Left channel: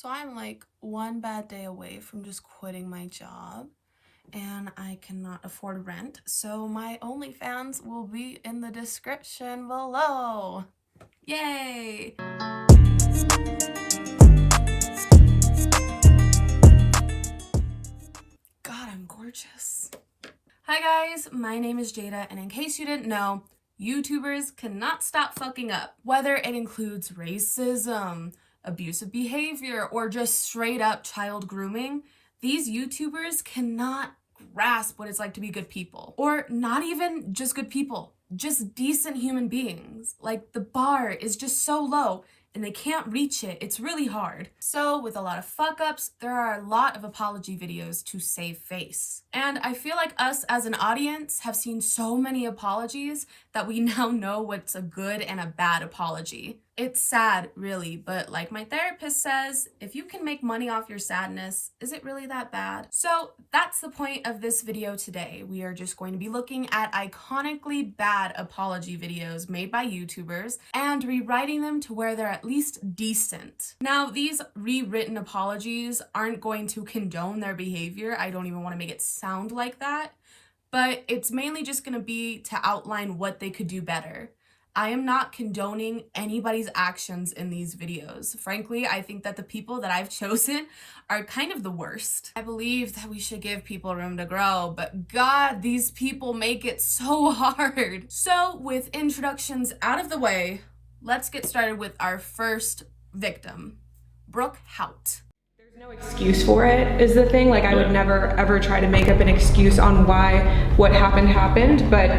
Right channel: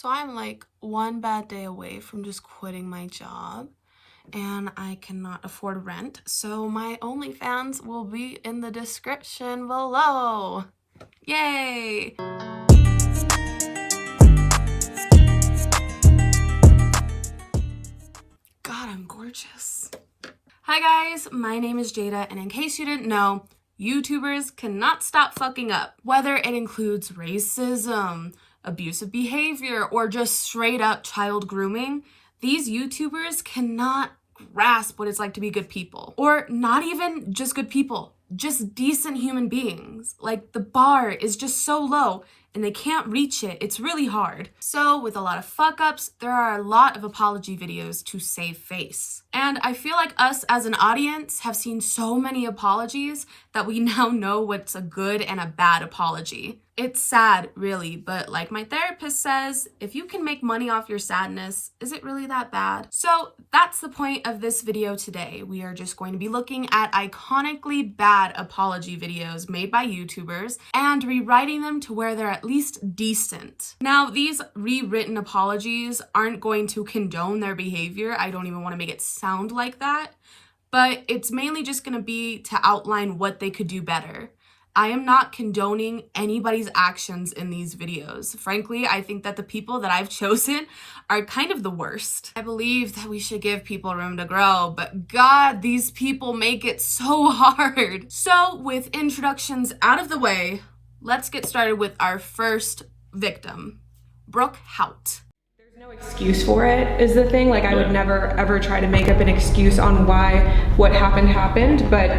So I'm like one bad day away from just quitting my job, and I cannot afford rent. So my OnlyFans will be in the description below. Yay! God, I'm gorgeous. Hi guys, my name is Jada, and in case you didn't know, YouTubers cannot stop fucking up. Whether it includes racism, abusive behavior, or just straight up child grooming, these YouTubers cannot grasp what it's like to be good people. Or not even just good people, just decent human beings. Like, the bar is just so low and they can't reach it. It's really hard. So with a lot of fuck ups, there are a lot of apology videos to save face. And I feel like us as an audience have seen so many apologies that we now know what's a good and a bad apology. It's sad, really, but like my therapist says, if you can make money off your sadness, is it really that bad? So that's the point of this video today. We are just going to be looking at iconically bad apology videos made by YouTubers and rewriting them to where they're at least decent. Now, these rewritten apologies aren't going to condone their behavior. I don't even want to make it sound like that, but it's mainly just going to be to outline what they could do better. I am not condoning anybody's actions in these videos. Frankly, I think that the people that I've chosen are kind of the worst. I believe that we should give people room to grow, but God, these people make it so hard. So with introductions out of the way, let's get started with our first victim, Brooke Houts. No excuse for it is the thing. Like, I would never ever try to make up an excuse on why what happened, but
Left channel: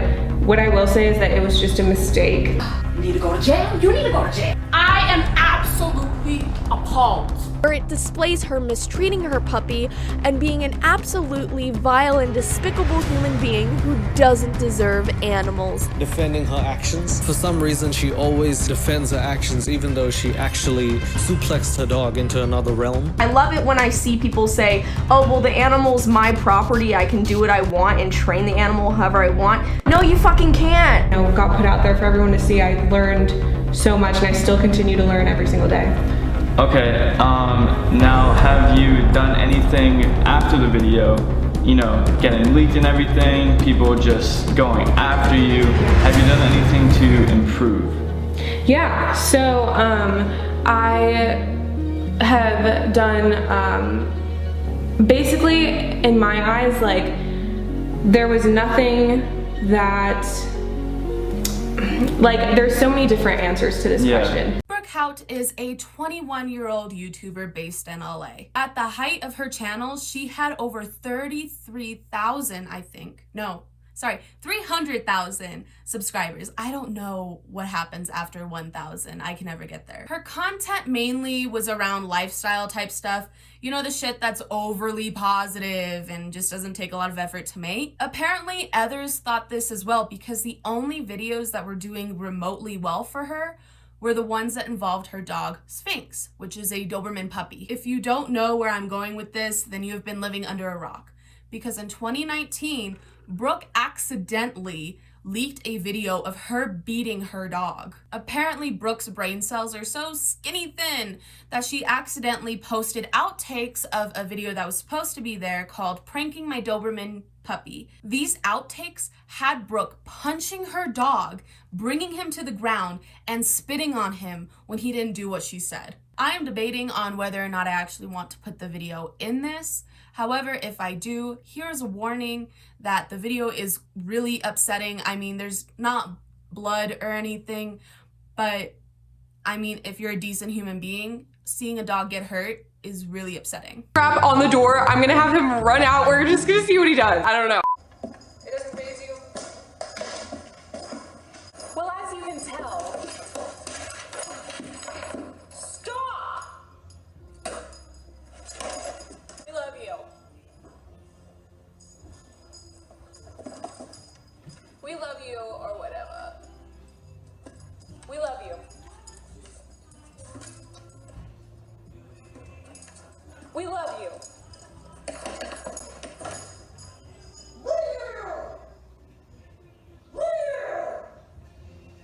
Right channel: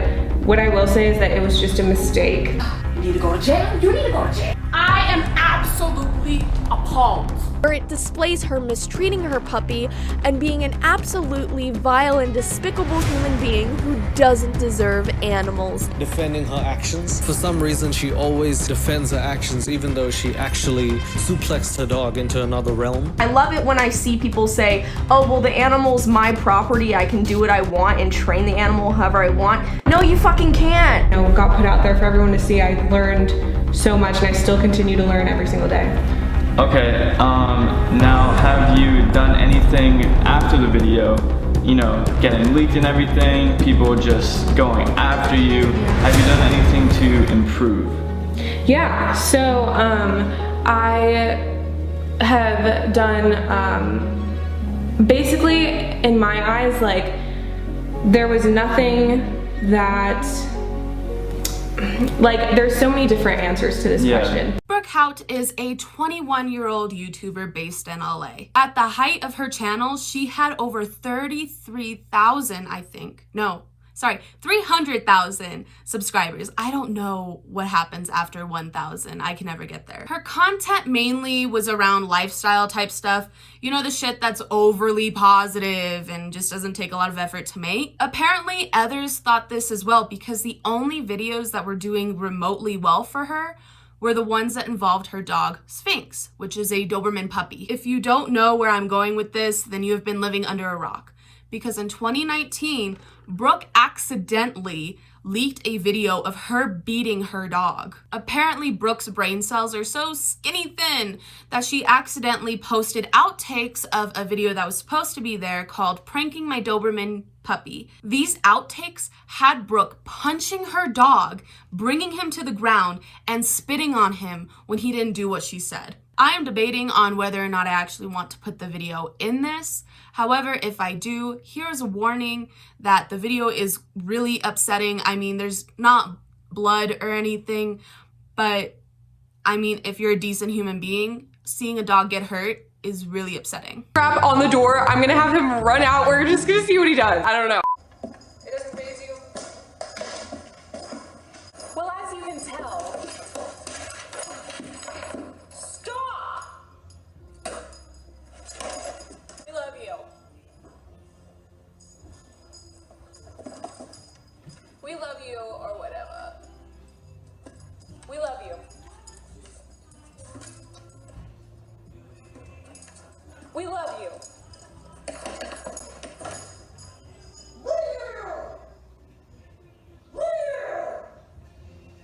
what I will say is that it was just a mistake. You need to go to jail. You need to go to jail. I am absolutely appalled. Where it displays her mistreating her puppy and being an absolutely vile and despicable human being who doesn't deserve animals. Defending her actions. For some reason, she always defends her actions even though she actually suplexed her dog into another realm. I love it when I see people say, oh, well, the animal's my property, I can do what I want and train the animal however I want. No, you fucking can't. You know, got put out there for everyone to see. I learned so much and I still continue to learn every single day. Okay, now have you done anything after the video, you know, getting leaked and everything, people just going after you? Have you done anything to improve? Yeah, so I have done, basically in my eyes, like, there was nothing that, like, there's so many different answers to this question. Brooke Houts is a 21-year-old YouTuber based in LA. At the height of her channel, she had over 33,000, 300,000 subscribers. I don't know what happens after 1,000. I can never get there. Her content mainly was around lifestyle type stuff. You know, the shit that's overly positive and just doesn't take a lot of effort to make. Apparently, others thought this as well because the only videos that were doing remotely well for her were the ones that involved her dog, Sphinx, which is a Doberman puppy. If you don't know where I'm going with this, then you have been living under a rock. Because in 2019, Brooke accidentally leaked a video of her beating her dog. Apparently, Brooke's brain cells are so skinny thin that she accidentally posted outtakes of a video that was supposed to be there called Pranking My Doberman Puppy. These outtakes had Brooke punching her dog, bringing him to the ground, and spitting on him when he didn't do what she said. I am debating on whether or not I actually want to put the video in this. However, if I do, here's a warning that the video is really upsetting. I mean, there's not blood or anything, but I mean, if you're a decent human being, seeing a dog get hurt is really upsetting. Crap on the door. I'm gonna have him run out. We're just gonna see what he does. I don't know. It doesn't faze you. Well, as you can tell. Stop! We love you. We love you, or whatever. We love you. We love you.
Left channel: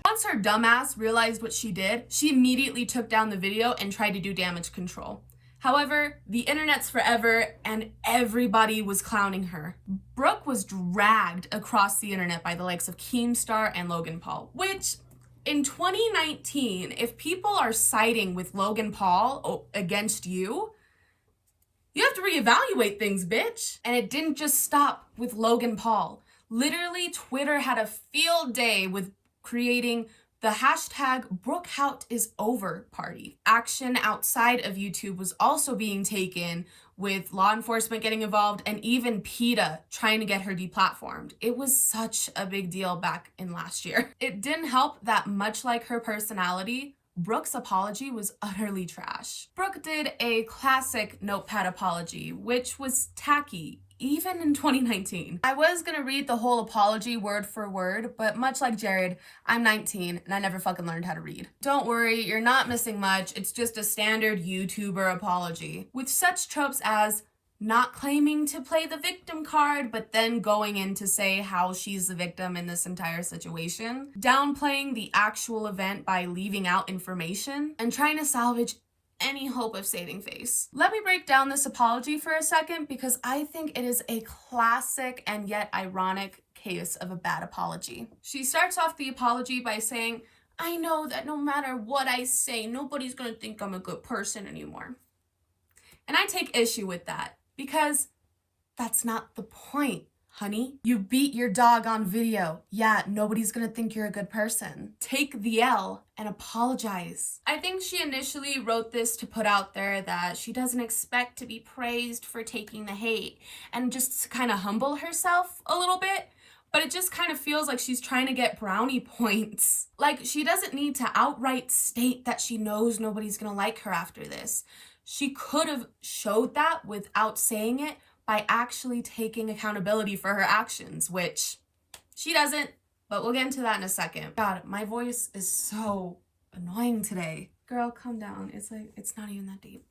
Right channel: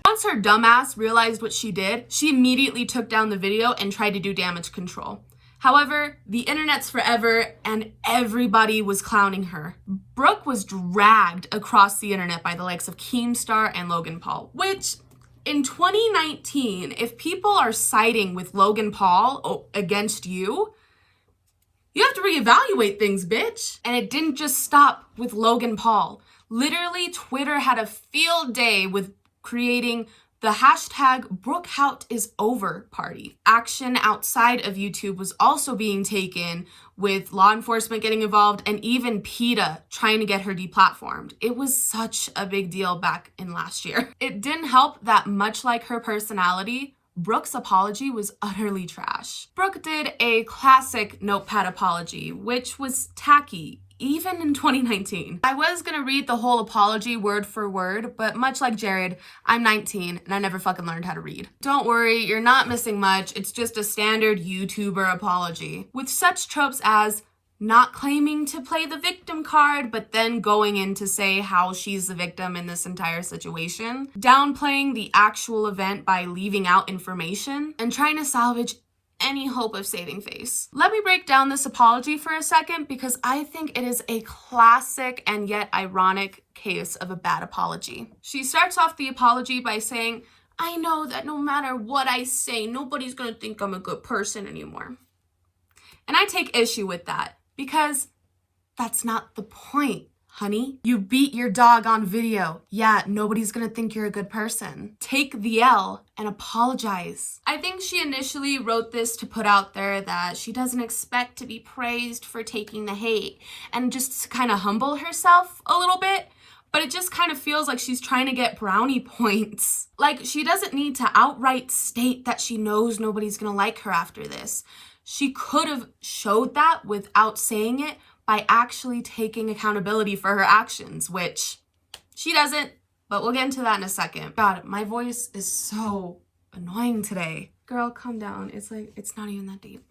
Once her dumbass realized what she did, she immediately took down the video and tried to do damage control. However, the internet's forever and everybody was clowning her. Brooke was dragged across the internet by the likes of Keemstar and Logan Paul, which in 2019, if people are siding with Logan Paul against you, you have to reevaluate things, bitch. And it didn't just stop with Logan Paul. Literally, Twitter had a field day with creating the hashtag Brooke Houts is over party. Action outside of YouTube was also being taken, with law enforcement getting involved and even PETA trying to get her deplatformed. It was such a big deal back in last year. It didn't help that, much like her personality, Brooke's apology was utterly trash. Brooke did a classic notepad apology, which was tacky, even in 2019. I was gonna read the whole apology word for word, but much like Jared, I'm 19 and I never fucking learned how to read. Don't worry, you're not missing much. It's just a standard YouTuber apology, with such tropes as not claiming to play the victim card, but then going in to say how she's the victim in this entire situation, downplaying the actual event by leaving out information, and trying to salvage any hope of saving face. Let me break down this apology for a second, because I think it is a classic and yet ironic case of a bad apology. She starts off the apology by saying, "I know that no matter what I say, nobody's gonna think I'm a good person anymore." And I take issue with that, because that's not the point, honey. You beat your dog on video. Yeah, nobody's gonna think you're a good person. Take the L and apologize. I think she initially wrote this to put out there that she doesn't expect to be praised for taking the hate, and just to kind of humble herself a little bit, but it just kind of feels like she's trying to get brownie points. Like, she doesn't need to outright state that she knows nobody's gonna like her after this. She could have showed that without saying it, by actually taking accountability for her actions, which she doesn't, but we'll get into that in a second. God, my voice is so annoying today. Girl, calm down. It's like, it's not even that deep.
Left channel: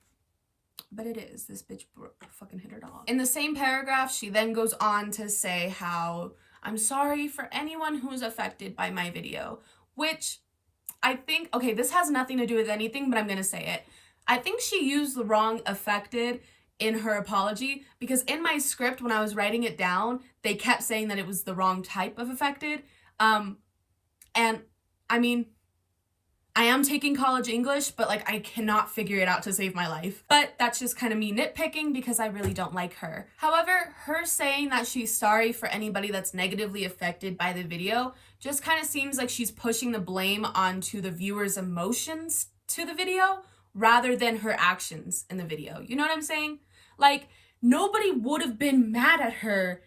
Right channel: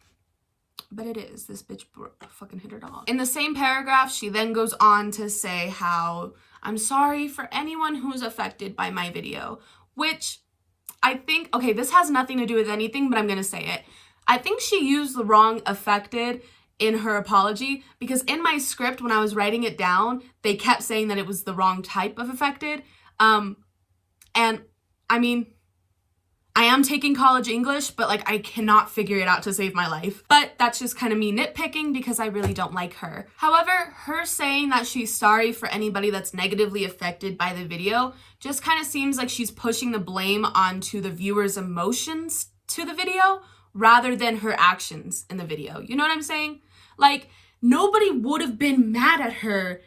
But it is. This bitch fucking hit her dog. In the same paragraph, she then goes on to say how, "I'm sorry for anyone who's affected by my video," which I think, okay, this has nothing to do with anything, but I'm gonna say it. I think she used the wrong affected in her apology, because in my script, when I was writing it down, they kept saying that it was the wrong type of affected. And I mean, I am taking college English, but like, I cannot figure it out to save my life. But that's just kind of me nitpicking, because I really don't like her. However, her saying that she's sorry for anybody that's negatively affected by the video just kind of seems like she's pushing the blame onto the viewer's emotions to the video, rather than her actions in the video. You know what I'm saying? Like, nobody would have been mad at her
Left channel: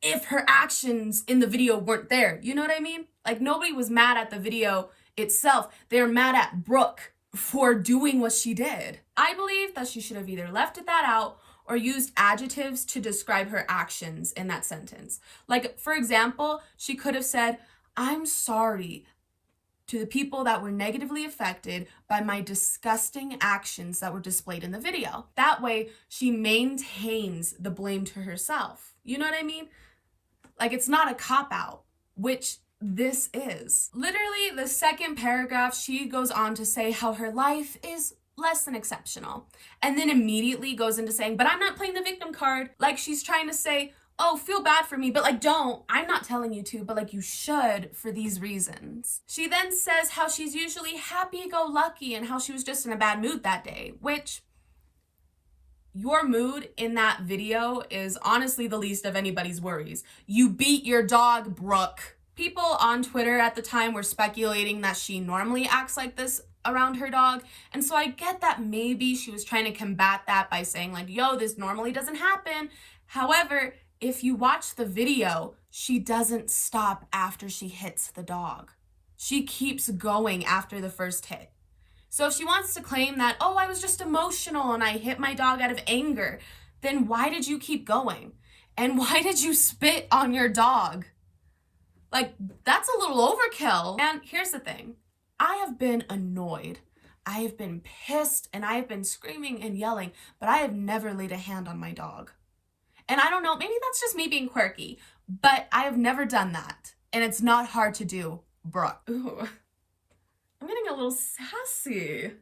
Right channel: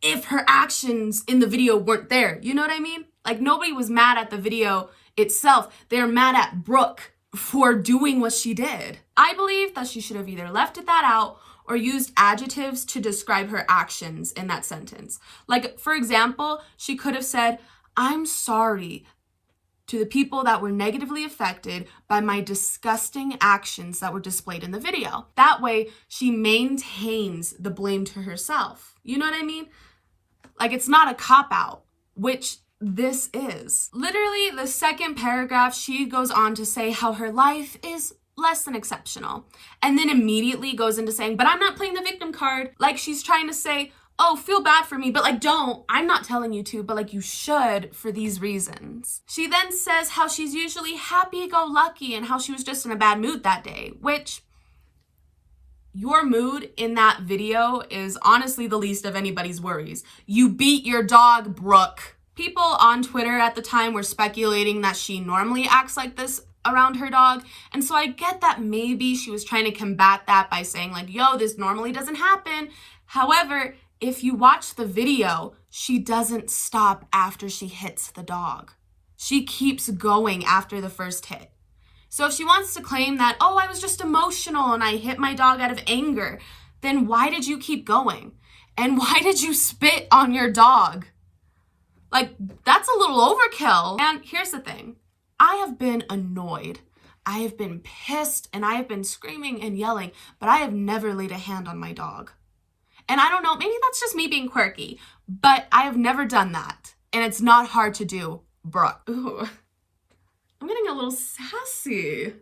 if her actions in the video weren't there. You know what I mean? Like, nobody was mad at the video itself. They're mad at Brooke for doing what she did. I believe that she should have either left that out or used adjectives to describe her actions in that sentence. Like, for example, she could have said, "I'm sorry to the people that were negatively affected by my disgusting actions that were displayed in the video." That way, she maintains the blame to herself. You know what I mean? Like, it's not a cop-out, which this is. Literally, the second paragraph, she goes on to say how her life is less than exceptional, and then immediately goes into saying, "But I'm not playing the victim card." Like, she's trying to say, "Oh, feel bad for me, but like, don't. I'm not telling you to, but like, you should for these reasons." She then says how she's usually happy-go-lucky and how she was just in a bad mood that day, which your mood in that video is honestly the least of anybody's worries. You beat your dog, Brooke. People on Twitter at the time were speculating that she normally acts like this around her dog, and so I get that maybe she was trying to combat that by saying like, "Yo, this normally doesn't happen." However, if you watch the video, she doesn't stop after she hits the dog. She keeps going after the first hit. So if she wants to claim that, "Oh, I was just emotional and I hit my dog out of anger," then why did you keep going? And why did you spit on your dog? Like, that's a little overkill. And here's the thing. I have been annoyed. I have been pissed, and I have been screaming and yelling, but I have never laid a hand on my dog. And I don't know, maybe that's just me being quirky, but I have never done that. And it's not hard to do, Brooke. Ooh, I'm getting a little sassy.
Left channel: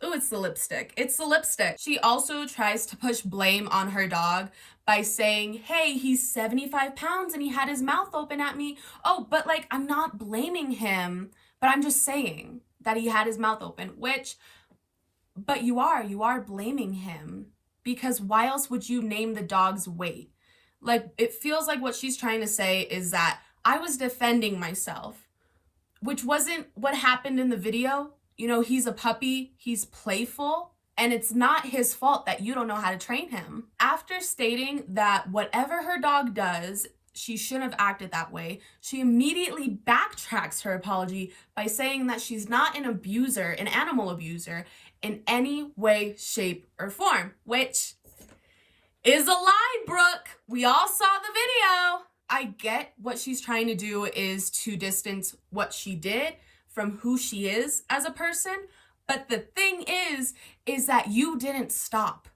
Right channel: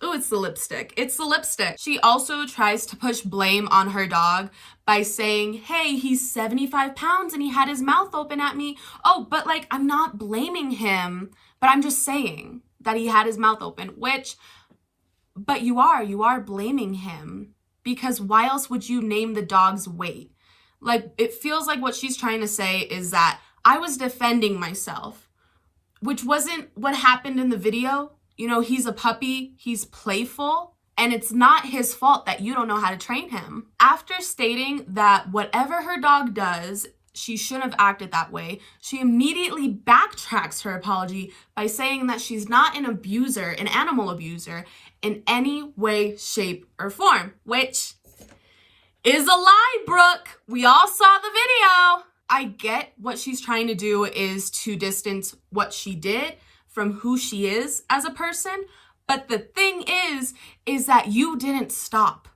Oh, it's the lipstick. It's the lipstick. She also tries to push blame on her dog by saying, hey, he's 75 pounds and he had his mouth open at me. Oh, but like, I'm not blaming him, but I'm just saying that he had his mouth open, but you are blaming him, because why else would you name the dog's weight? Like, it feels like what she's trying to say is that I was defending myself, which wasn't what happened in the video. You know, he's a puppy, he's playful, and it's not his fault that you don't know how to train him. After stating that whatever her dog does, she shouldn't have acted that way, she immediately backtracks her apology by saying that she's not an abuser, an animal abuser, in any way, shape, or form, which is a lie, Brooke. We all saw the video. I get what she's trying to do is to distance what she did from who she is as a person. But the thing is that you didn't stop,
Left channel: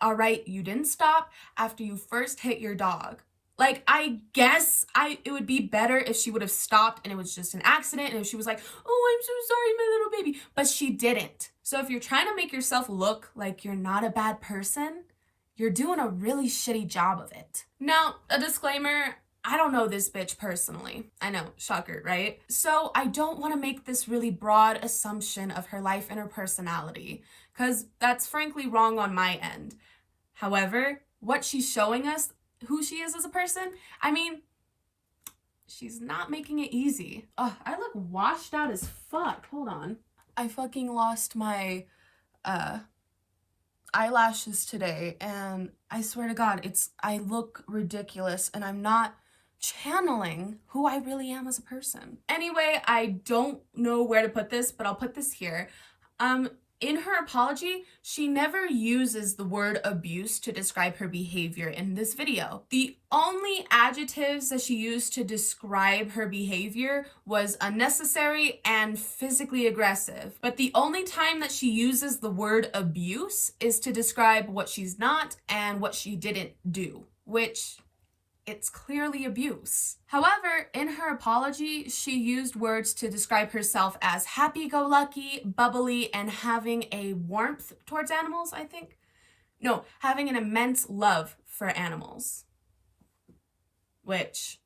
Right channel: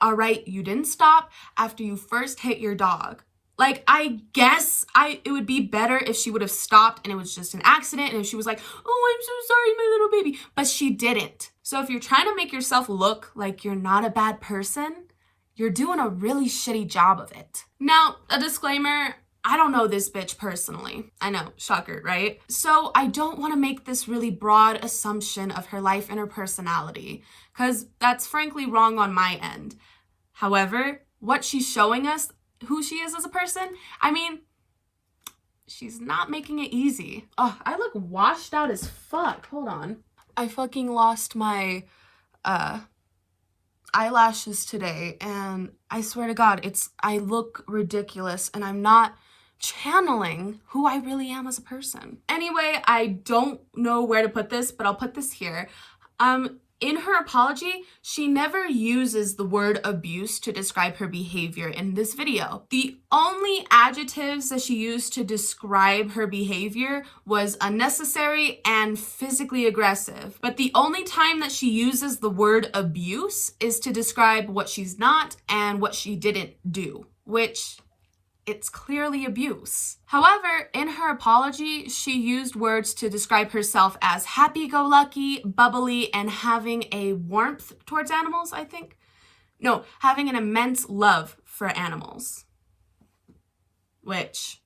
all right? You didn't stop after you first hit your dog. Like, I guess it would be better if she would have stopped and it was just an accident and if she was like, oh, I'm so sorry, my little baby. But she didn't. So if you're trying to make yourself look like you're not a bad person, you're doing a really shitty job of it. Now, a disclaimer, I don't know this bitch personally. I know, shocker, right? So I don't want to make this really broad assumption of her life and her personality, because that's frankly wrong on my end. However, what she's showing us, who she is as a person, I mean, she's not making it easy. Oh, I look washed out as fuck. Hold on. I fucking lost my eyelashes today, and I swear to God, I look ridiculous, and I'm not channeling who I really am as a person. Anyway, I don't know where to put this, but I'll put this here. In her apology, she never uses the word abuse to describe her behavior in this video. The only adjectives that she used to describe her behavior was unnecessary and physically aggressive. But the only time that she uses the word abuse is to describe what she's not and what she didn't do, which it's clearly abuse. However, in her apology, she used words to describe herself as happy-go-lucky, bubbly, and having a warmth towards animals, I think. No, having an immense love for animals. Which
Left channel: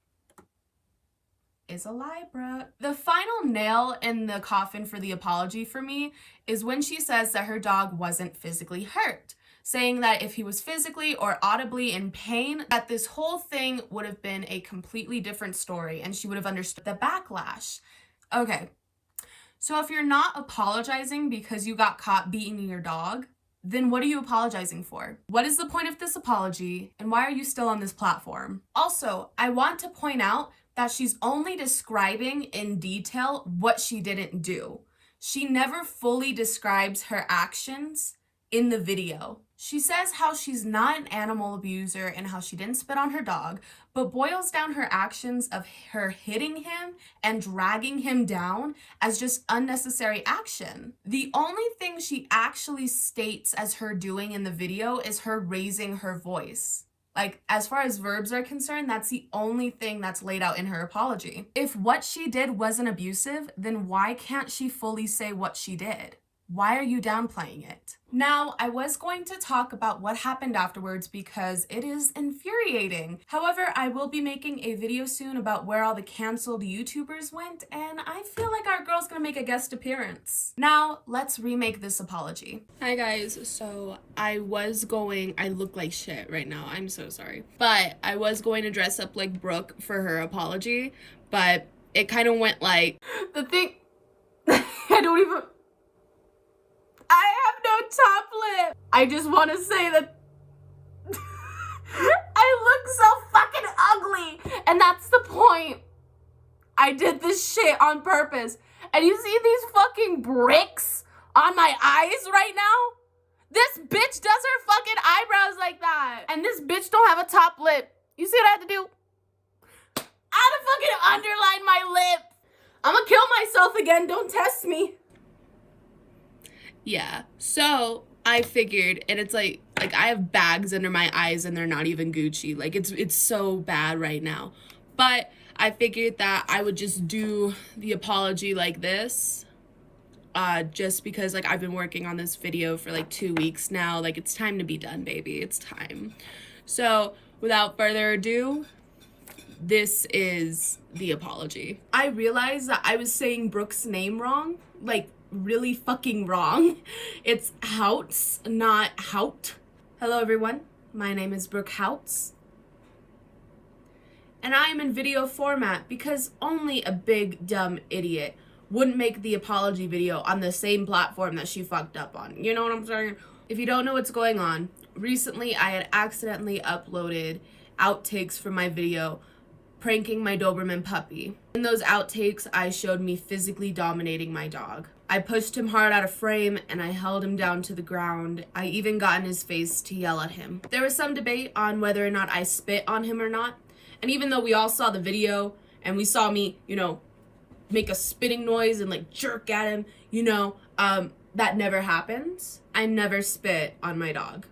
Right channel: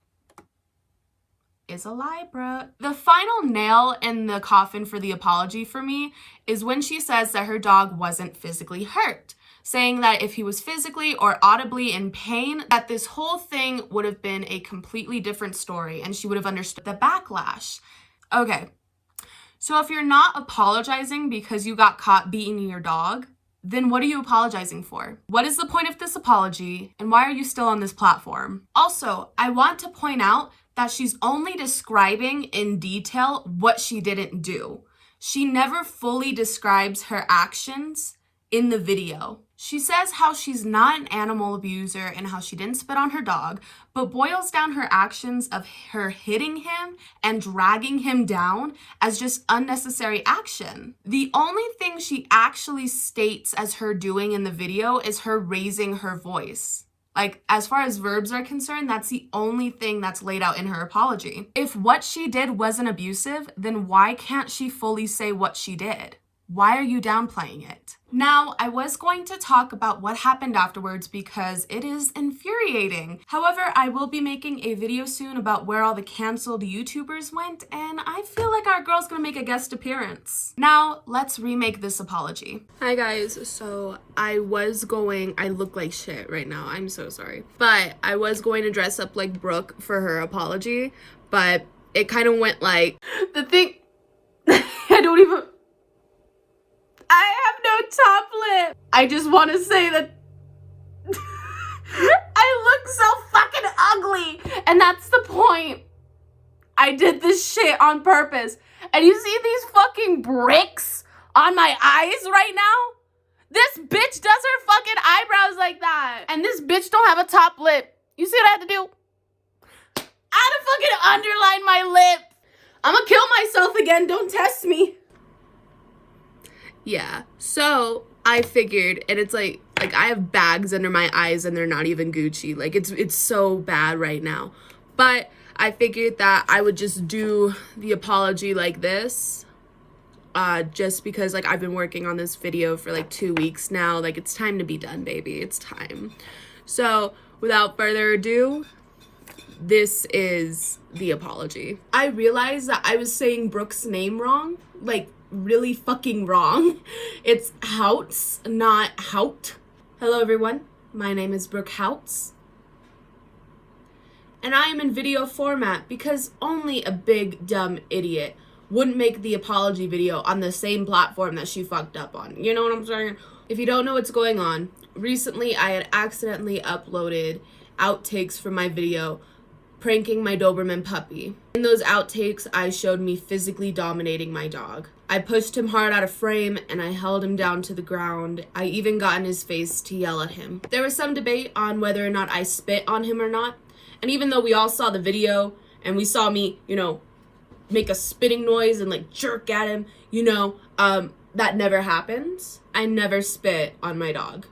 is a lie, bruh. The final nail in the coffin for the apology for me is when she says that her dog wasn't physically hurt, saying that if he was physically or audibly in pain, that this whole thing would have been a completely different story and she would have understood the backlash. Okay, so if you're not apologizing because you got caught beating your dog, then what are you apologizing for? What is the point of this apology, and why are you still on this platform? Also, I want to point out that she's only describing in detail what she didn't do. She never fully describes her actions in the video. She says how she's not an animal abuser and how she didn't spit on her dog, but boils down her actions of her hitting him and dragging him down as just unnecessary action. The only thing she actually states as her doing in the video is her raising her voice. Like, as far as verbs are concerned, that's the only thing that's laid out in her apology. If what she did wasn't abusive, then why can't she fully say what she did? Why are you downplaying it? Now, I was going to talk about what happened afterwards because it is infuriating. However, I will be making a video soon about where all the canceled YouTubers went, and I feel like our girl's gonna make a guest appearance. Now, let's remake this apology. Hi guys, so I look like shit right now, I'm so sorry. But I was going to dress up like Brooke for her apology, but it kind of went like, I have no top lip. I just want to say that I look so fucking ugly. And that's the point. I did this shit on purpose. And you see these fucking bricks on my eyes right now? This bitch does her fucking eyebrows like that. And this bitch don't have a top lip. You see what I had to do? I had to fucking underline my lip. I'm gonna kill myself again. Don't test me. Yeah, so I figured, and it's like I have bags under my eyes and they're not even Gucci. Like, it's so bad right now. But I figured that I would just do the apology like this. just because like I've been working on this video for like 2 weeks now. Like, it's time to be done, baby. It's time. So without further ado, this is the apology. I realized that I was saying Brooke's name wrong, like really fucking wrong. It's Houts, not Hout. Hello everyone, my name is Brooke Houts, and I am in video format because only a big dumb idiot wouldn't make the apology video on the same platform that she fucked up on. You know what I'm saying? If you don't know what's going on, recently I had accidentally uploaded outtakes from my video pranking my Doberman puppy. In those outtakes, I showed me physically dominating my dog. I pushed him hard out of frame and I held him down to the ground. I even got in his face to yell at him. There was some debate on whether or not I spit on him or not. And even though we all saw the video and we saw me, you know, make a spitting noise and like jerk at him, you know, that never happens. I never spit on my dog.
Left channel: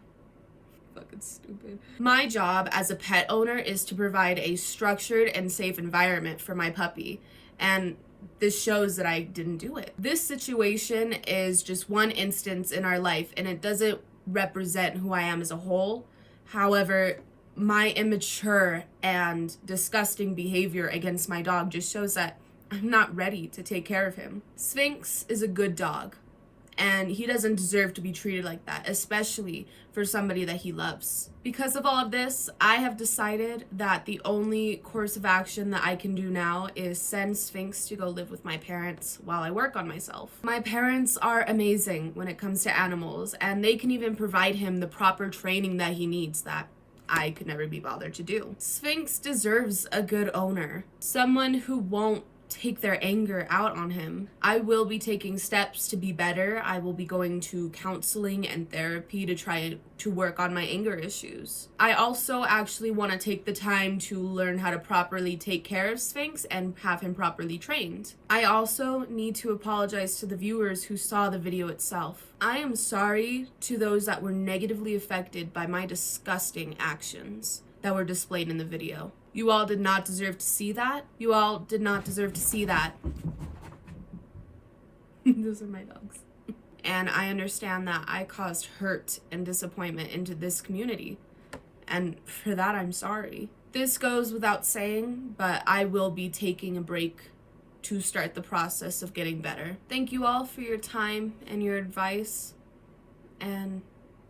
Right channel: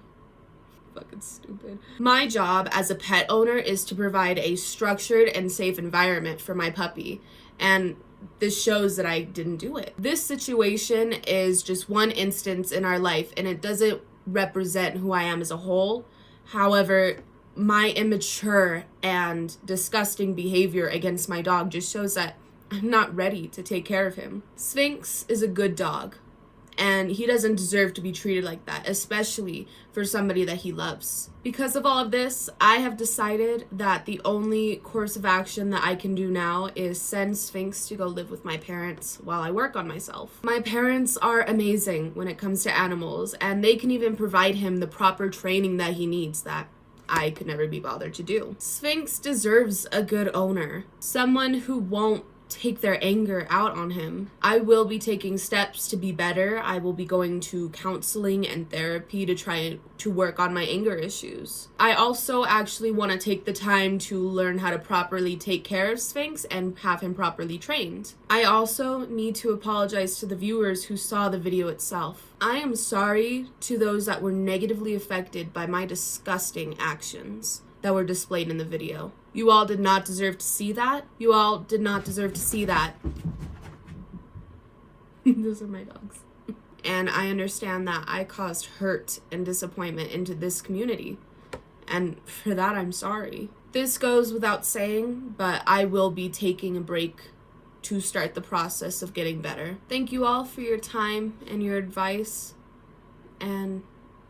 Fucking stupid. My job as a pet owner is to provide a structured and safe environment for my puppy, and this shows that I didn't do it. This situation is just one instance in our life, and it doesn't represent who I am as a whole. However, my immature and disgusting behavior against my dog just shows that I'm not ready to take care of him. Sphinx is a good dog, and he doesn't deserve to be treated like that, especially for somebody that he loves. Because of all of this, I have decided that the only course of action that I can do now is send Sphinx to go live with my parents while I work on myself. My parents are amazing when it comes to animals, and they can even provide him the proper training that he needs that I could never be bothered to do. Sphinx deserves a good owner, someone who won't take their anger out on him. I will be taking steps to be better. I will be going to counseling and therapy to try to work on my anger issues. I also actually want to take the time to learn how to properly take care of Sphinx and have him properly trained. I also need to apologize to the viewers who saw the video itself. I am sorry to those that were negatively affected by my disgusting actions that were displayed in the video. You all did not deserve to see that. You all did not deserve to see that. Those are my dogs. And I understand that I caused hurt and disappointment into this community. And for that, I'm sorry. This goes without saying, but I will be taking a break to start the process of getting better. Thank you all for your time and your advice. And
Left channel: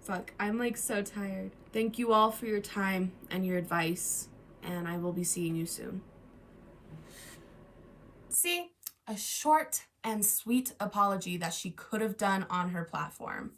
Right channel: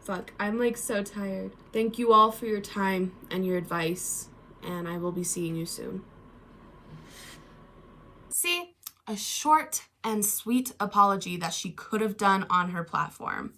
fuck, I'm like so tired. Thank you all for your time and your advice, and I will be seeing you soon. See, a short and sweet apology that she could have done on her platform.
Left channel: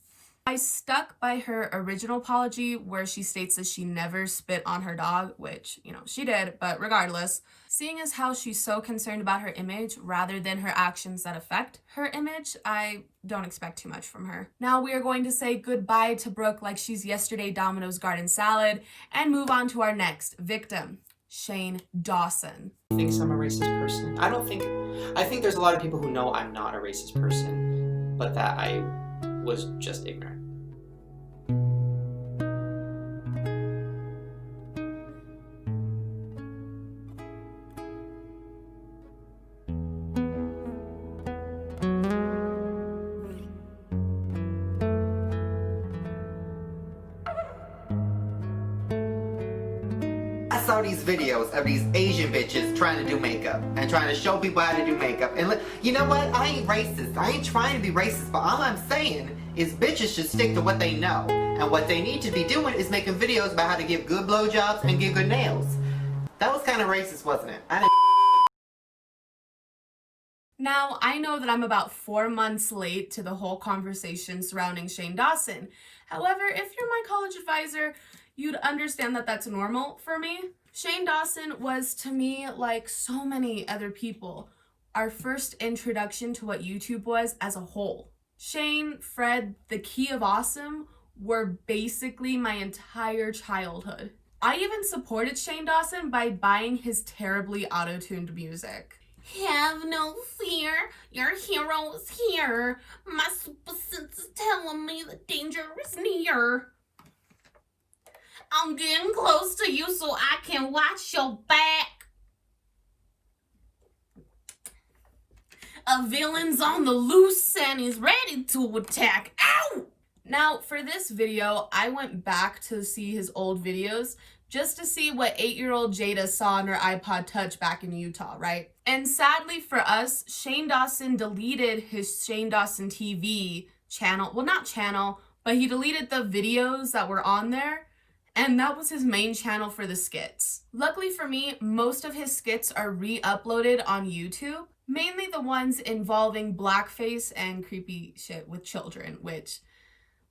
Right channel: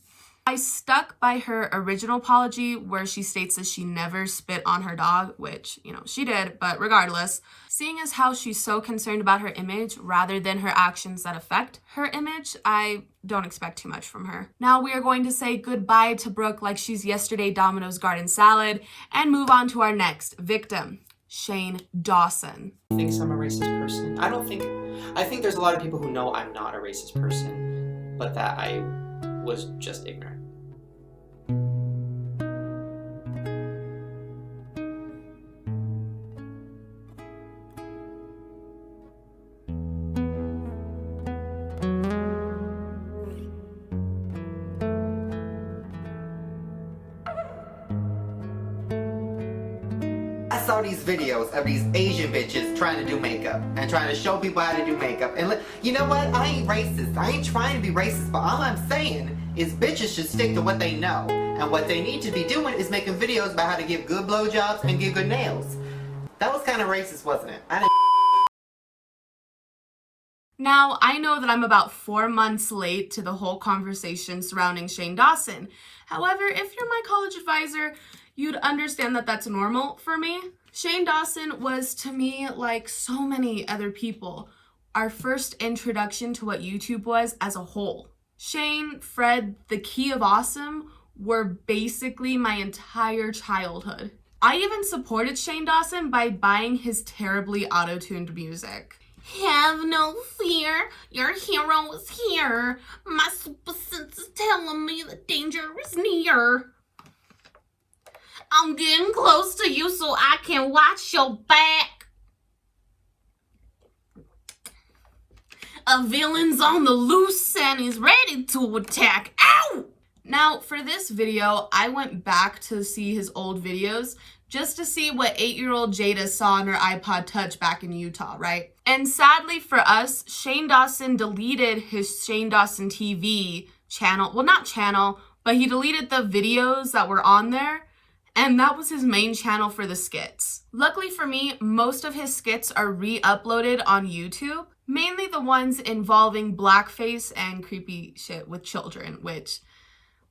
I stuck by her original apology where she states that she never spit on her dog, which, you know, she did, but regardless, seeing as how she's so concerned about her image rather than her actions that affect her image, I don't expect too much from her. Now we are going to say goodbye to Brooke like she's yesterday Domino's garden salad and move on to our next victim, Shane Dawson. Thinks I'm a racist person. I think there's a lot of people who know I'm not a racist person, but that I was just ignorant. I saw these videos of these Asian bitches trying to do makeup and trying to show people how to do makeup. And you know what? I ain't racist. I ain't trying to be racist, but all I'm saying is bitches should stick to what they know. And what they need to be doing is making videos about how to give good blowjobs and give good nails. That was kind of racist, wasn't it? Now, I know that I'm about 4 months late to the whole conversation surrounding Shane Dawson. However, if you're my college advisor, you'd understand that that's normal for me. Shane Dawson was, to me, like so many other people, our first introduction to what YouTube was as a whole. Shane, Fred, the Key of Awesome were basically my entire childhood. I even supported Shane Dawson by buying his terribly auto-tuned music. Have no fear, your hero is here. My super sense is telling me the danger is near. I'm getting close to you so I can watch your back. A villain's on the loose and he's ready to attack. Ow! Now, for this video, I went back to see his old videos just to see what 8-year-old Jada saw on her iPod Touch back in Utah, right? And sadly for us, Shane Dawson deleted his Shane Dawson TV channel. Well, not channel, but he deleted the videos that were on there. And that was his main channel for the skits. Luckily for me, most of his skits are re-uploaded on YouTube. Mainly the ones involving blackface and creepy shit with children, which,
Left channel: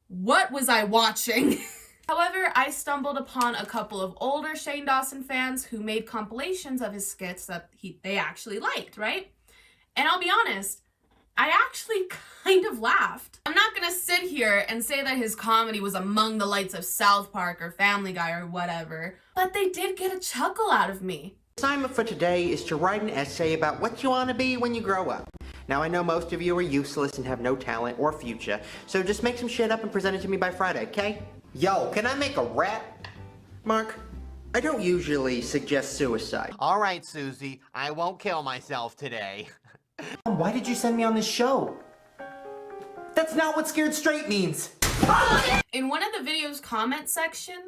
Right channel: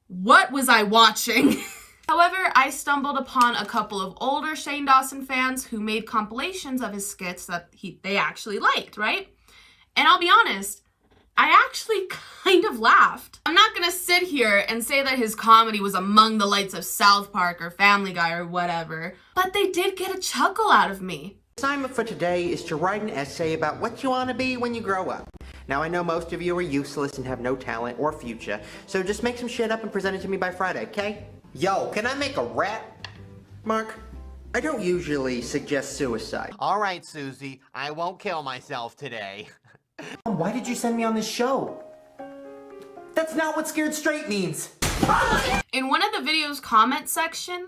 what was I watching? However, I stumbled upon a couple of older Shane Dawson fans who made compilations of his skits that they actually liked, right? And I'll be honest, I actually kind of laughed. I'm not gonna sit here and say that his comedy was among the lights of South Park or Family Guy or whatever, but they did get a chuckle out of me. The assignment for today is to write an essay about what you want to be when you grow up. Now, I know most of you are useless and have no talent or future, so just make some shit up and present it to me by Friday, okay? Yo, can I make a rap? Mark, I don't usually suggest suicide. All right, Susie, I won't kill myself today. Why did you send me on this show? That's not what scared straight means. In one of the video's comment section,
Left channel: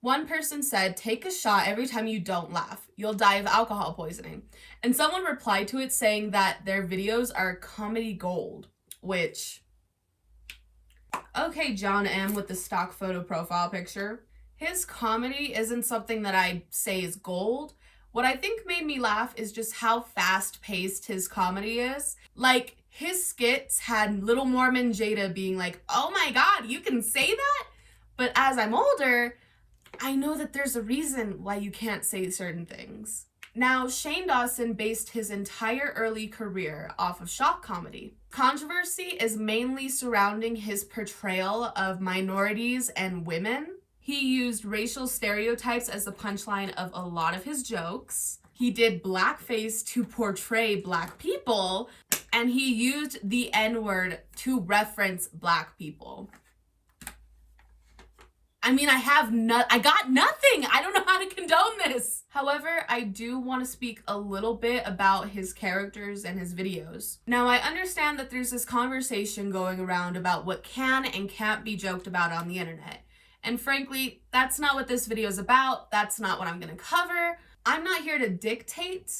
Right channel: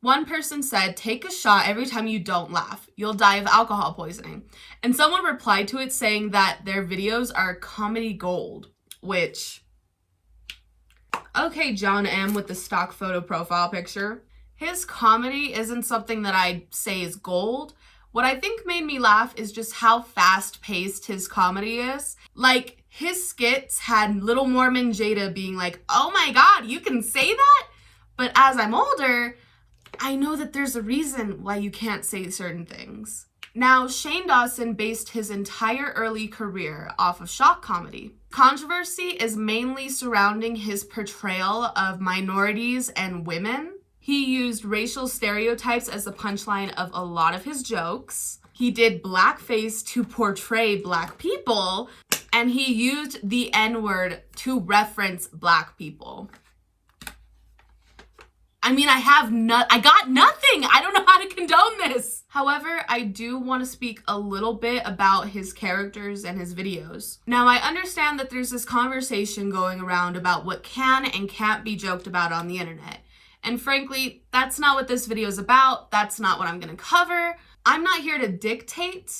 one person said, take a shot every time you don't laugh. You'll die of alcohol poisoning. And someone replied to it saying that their videos are comedy gold, which, okay, John M. with the stock photo profile picture. His comedy isn't something that I'd say is gold. What I think made me laugh is just how fast-paced his comedy is. Like, his skits had Little Mormon Jada being like, oh my god, you can say that? But as I'm older, I know that there's a reason why you can't say certain things. Now, Shane Dawson based his entire early career off of shock comedy. Controversy is mainly surrounding his portrayal of minorities and women. He used racial stereotypes as the punchline of a lot of his jokes. He did blackface to portray black people, and he used the N-word to reference black people. I mean, I got nothing. I don't know how to condone this. However, I do want to speak a little bit about his characters and his videos. Now, I understand that there's this conversation going around about what can and can't be joked about on the internet. And frankly, that's not what this video is about. That's not what I'm going to cover. I'm not here to dictate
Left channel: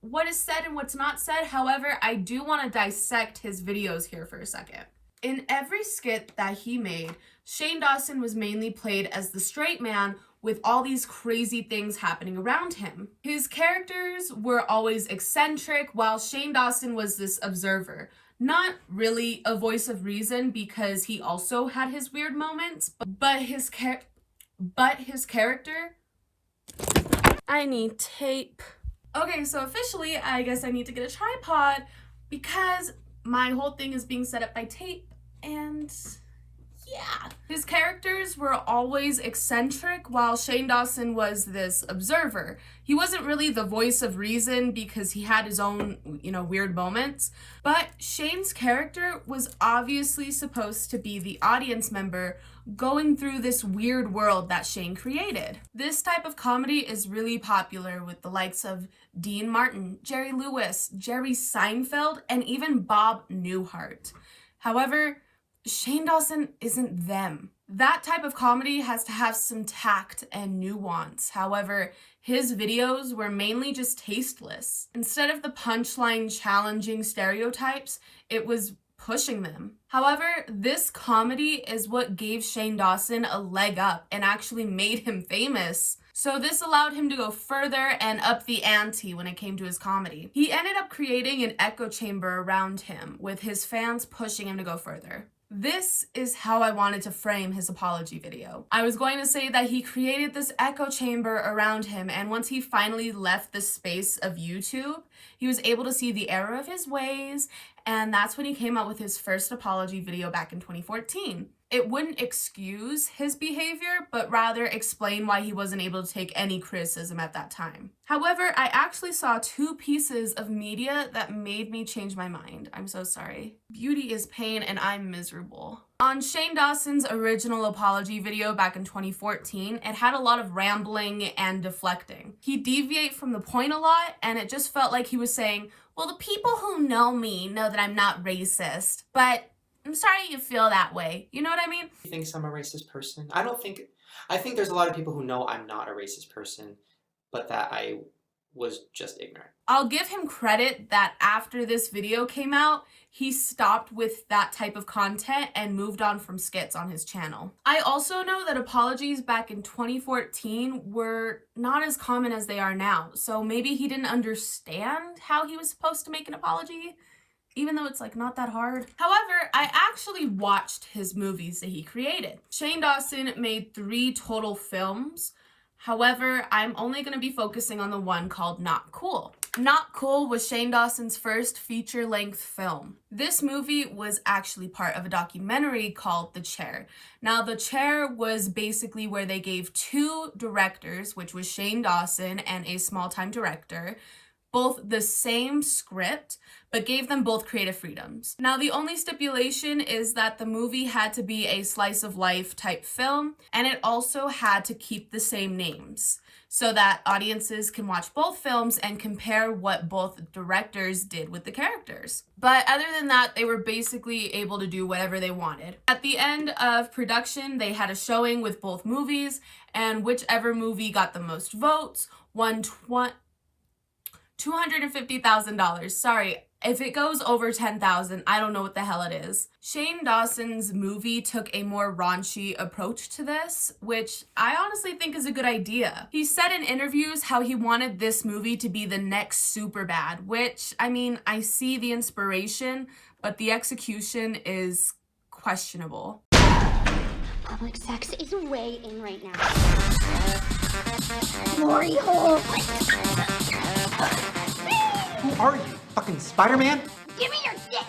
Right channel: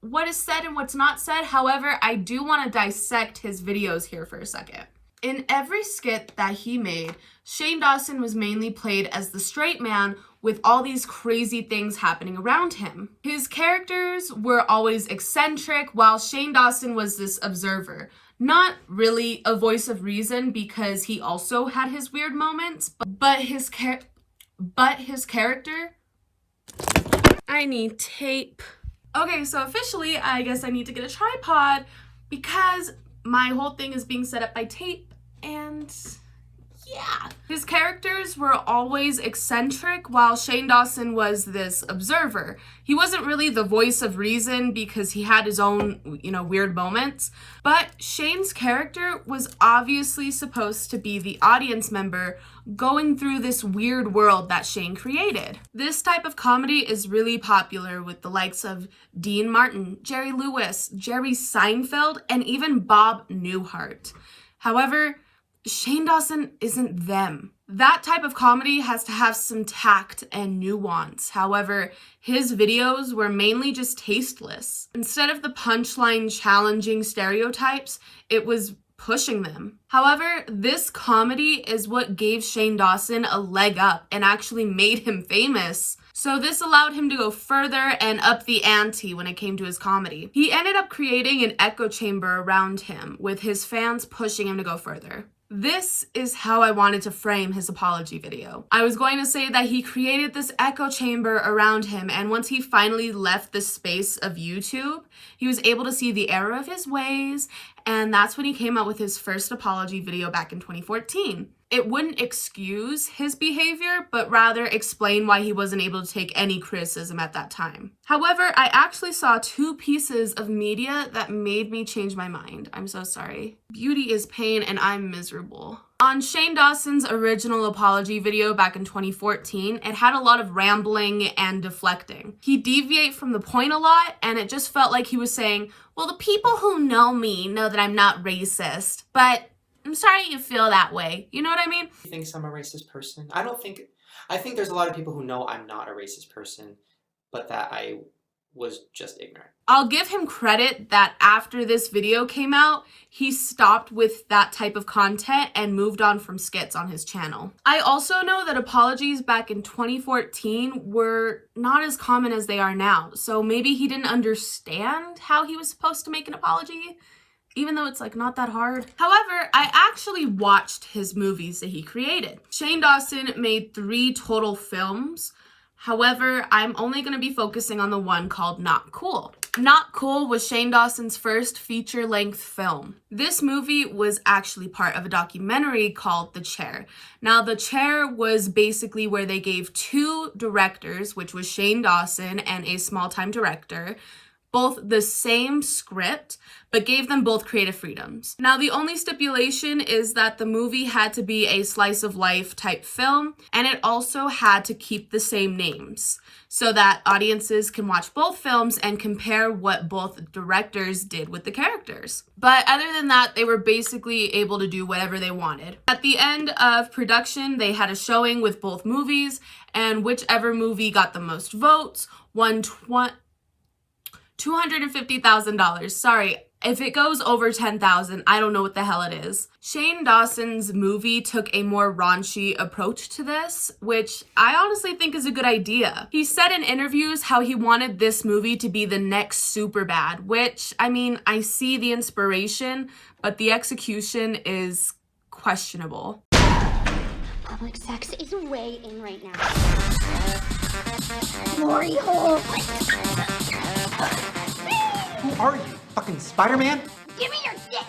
what is said and what's not said. However, I do want to dissect his videos here for a second. In every skit that he made, Shane Dawson was mainly played as the straight man with all these crazy things happening around him. His characters were always eccentric, while Shane Dawson was this observer. Not really a voice of reason because he also had his weird moments, but his character... I need tape. Okay, so officially, I guess I need to get a tripod because my whole thing is being set up by tape, and yeah. His characters were always eccentric, while Shane Dawson was this observer. He wasn't really the voice of reason because he had his own, weird moments, but Shane's character was obviously supposed to be the audience member going through this weird world that Shane created. This type of comedy is really popular with the likes of Dean Martin, Jerry Lewis, Jerry Seinfeld, and even Bob Newhart. However, Shane Dawson isn't them. That type of comedy has to have some tact and nuance. However, his videos were mainly just tasteless. Instead of the punchline challenging stereotypes, it was pushing them. However, this comedy is what gave Shane Dawson a leg up and actually made him famous. So this allowed him to go further and up the ante when it came to his comedy. He ended up creating an echo chamber around him, with his fans pushing him to go further. This is how I wanted to frame his apology video. I was going to say that he created this echo chamber around him, and once he finally left the space of YouTube, he was able to see the error of his ways, and that's when he came out with his first apology video back in 2014. It wouldn't excuse his behavior, but rather explain why he wasn't able to take any criticism at that time. However, I actually saw 2 pieces of media that made me change my mind. I'm so sorry. Beauty is pain and I'm miserable. On Shane Dawson's original apology video back in 2014, it had a lot of rambling and deflecting. He deviated from the point a lot, and it just felt like he was saying, well, the people who know me know that I'm not racist, but I'm sorry you feel that way. You know what I mean? He thinks I'm a racist person. I think there's a lot of people who know I'm not a racist person, but that I was just ignorant. I'll give him credit that after this video came out, he stopped with that type of content and moved on from skits on his channel. I also know that apologies back in 2014 were not as common as they are now, so maybe he didn't understand how he was supposed to make an apology, even though it's like not that hard. However, I actually watched his movies that he created. Shane Dawson made 3 total films. However, I'm only going to be focusing on the one called Not Cool. Not Cool was Shane Dawson's first feature-length film. This movie was actually part of a documentary called The Chair. Now, The Chair was basically where they gave 2 directors, which was Shane Dawson and a small-time director, both the same script, but gave them both creative freedoms. Now, the only stipulation is that the movie had to be a slice of life type film, and it also had to keep the same names so that audiences can watch both films and compare what both directors did with the characters. But other than that, they were basically able to do whatever they wanted. At the end of production, they had a showing with both movies, and whichever movie got the most votes won $250,000. Sorry, if it goes over 10,000, I don't know what the hell it is. Shane Dawson's movie took a more raunchy approach to this, which I honestly think is a good idea. He said in interviews how he wanted this movie to be the next Superbad, which, I mean, I see the inspiration, but the execution is questionable. Public sex is way in right now. Glory hole. Who are you? Fucking Spider-Man? Give me your dick.